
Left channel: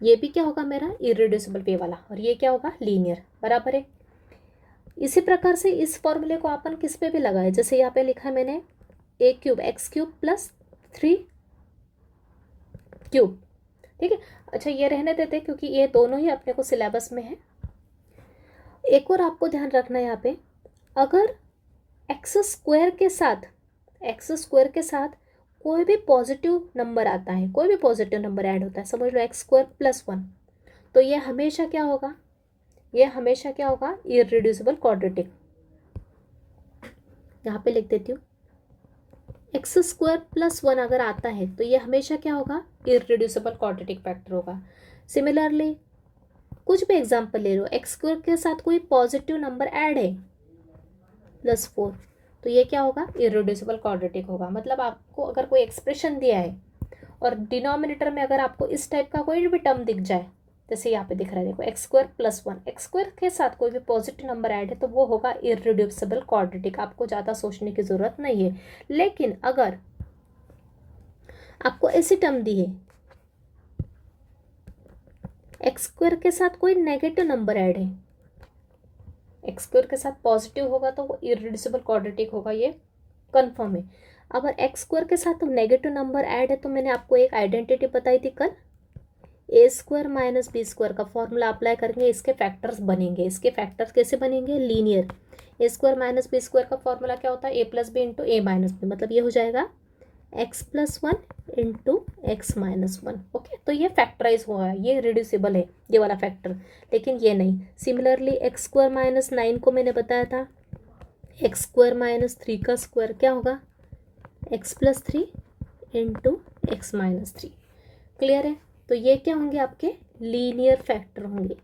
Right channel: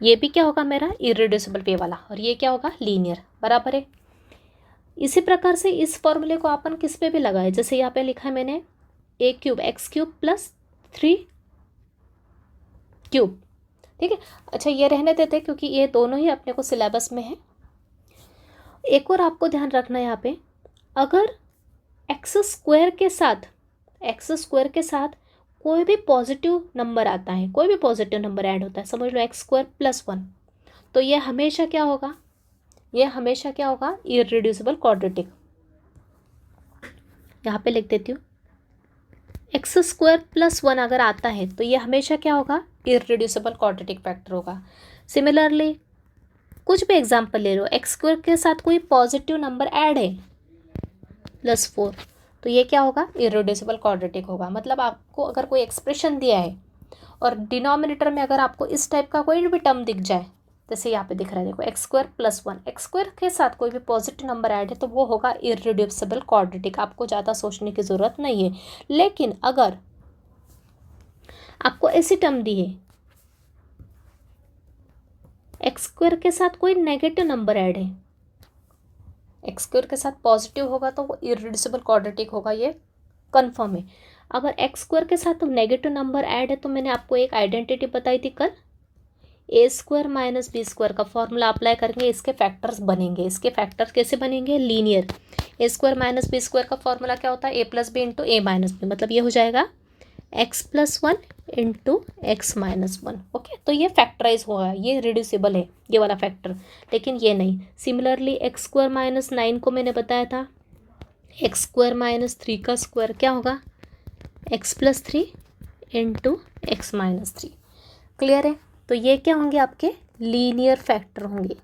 ये भी क्या होगा? मेरा इररिड्यूसिबल पे वाला, और ये क्या होगा? लीनियर। बराबर है। इसी प्रकार से इस फॉर्मूले को अपन किस पे भी लगाए, जैसे यहाँ पे लिखा है मैंने A cube X cube plus 3 cube. ठीक है, अच्छा ये रहने देते क्योंकि ये दोनों ही अपने को सिलेबस में है। एक और आपको ध्यान रखना है यहाँ पे, अगर एक्स स्क्वायर के साथ कोई भी पॉजिटिव नंबर आता है, कोई भी पॉजिटिव नंबर ऐड होता है, समझ लो एक्स स्क्वायर प्लस 1, तो ये हमेशा क्या होगा? ये हमेशा क्या होगा? Irreducible quadratic. यहाँ पे लिख देती हूँ, एक्स स्क्वायर प्लस 1 अगर आता है तो ये हमेशा क्या होगा? इररिड्यूसिबल क्वाड्रेटिक फैक्टर होगा। सिमिलरली कुछ भी एग्जाम्पल ले लो, एक्स स्क्वायर के साथ कोई पॉजिटिव नंबर ऐड है +4, तो ये क्या होगा? इररिड्यूसिबल क्वाड्रेटिक होगा। मतलब आपको अगर कोई एक्सप्रेशन दिया है और डिनोमिनेटर में अगर आपको इस टाइप का कोई भी टर्म दिख जाए, जैसे यहाँ पे दिख रहा है देखो x square plus 1, x square के साथ कोई भी पॉजिटिव नंबर ऐड है तो वो होगा इररिड्यूसिबल क्वाड्रेटिक। आपको ज़्यादा सोचने की ज़रूरत नहीं है। लेकिन अगर आपको ऐसी टर्म दी है, एक्स स्क्वायर के साथ कोई नेगेटिव नंबर ऐड है, एक्स स्क्वायर के साथ पॉजिटिव होगा तो वो इररिड्यूसिबल क्वाड्रेटिक होगा, ये कंफर्म है। अगर एक्स स्क्वायर के साथ नेगेटिव नंबर ऐड है तो मैंने आपको एक आइडेंटिटी बताई थी कल, ए स्क्वायर माइनस बी स्क्वायर का फॉर्मूला अप्लाई करेंगे, इसके फैक्टर्स बनेंगे। इसके फैक्टर्स कैसे बनेंगे? लीनियर। ए स्क्वायर माइनस बी स्क्वायर का फॉर्मूला क्या होता है? ए प्लस बी इंटू ए माइनस बी, मतलब ये हो जाएगा x plus 1 into x minus 1। Okay, तो ये फैक्टराइज हुआ है, ये रिड्यूसिबल है ये वाला फैक्टर, लेकिन ये नहीं। सिमिलरली एक्स स्क्वायर माइनस 9 को मैंने बताया था, एक्स स्क्वायर माइनस 3 का स्क्वायर क्या होगा? X plus 3 into x minus 3। Clear है? तो ये क्या होंगे? आपके लीनियर फैक्टर होंगे।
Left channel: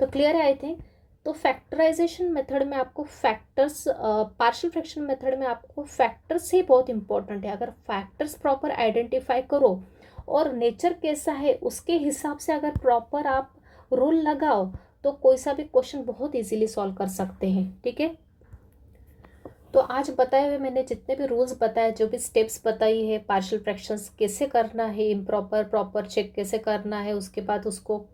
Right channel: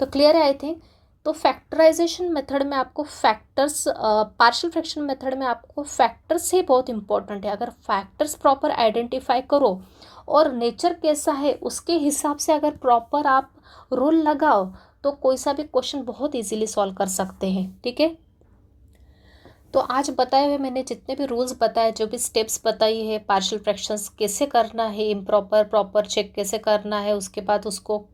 तो क्लियर है आई थिंक। तो फैक्टराइजेशन मेथड में आपको फैक्टर्स, पार्शियल फ्रैक्शन मेथड में आपको फैक्टर्स ही बहुत इंपॉर्टेंट है। अगर फैक्टर्स प्रॉपर आइडेंटिफाई करो और नेचर कैसा है उसके हिसाब से अगर प्रॉपर आप रूल लगाओ तो कोई सा भी क्वेश्चन बहुत इजीली सॉल्व कर सकते हैं। ठीक है, तो आज बताए हुए मैंने जितने भी रूल्स बताए, जो भी स्टेप्स बताई है, पार्शियल फ्रैक्शंस कैसे करना है, इम्प्रॉपर प्रॉपर चेक कैसे करना है, उसके बाद उसको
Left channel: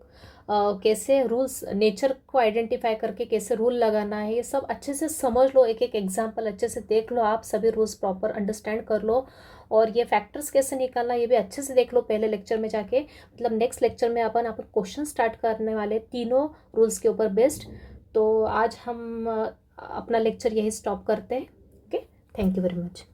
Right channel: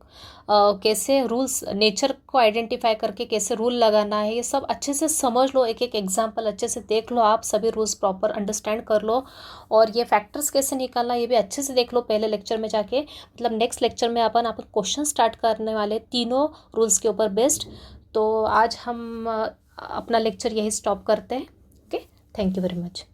कैसे रूल्स नेचर को आइडेंटिफाई करके कैसे रूल लगाना है, ये सब अच्छे से समझ लो, एक एक एग्जांपल अच्छे से देख लो, आप सभी रूल्स प्रॉपर अंडरस्टैंड कर लो। और ये फैक्टर्स कैसे निकालना ये भी अच्छे से देख लो पहले लेक्चर में जाके, मतलब नेक्स्ट लेक्चर में अपन क्वेश्चन स्टार्ट करने वाले तीनों रूल्स के ऊपर बेस्ड। तो आज हम अपना लेक्चर यही स्टॉप करते हैं। Okay, thank you very much.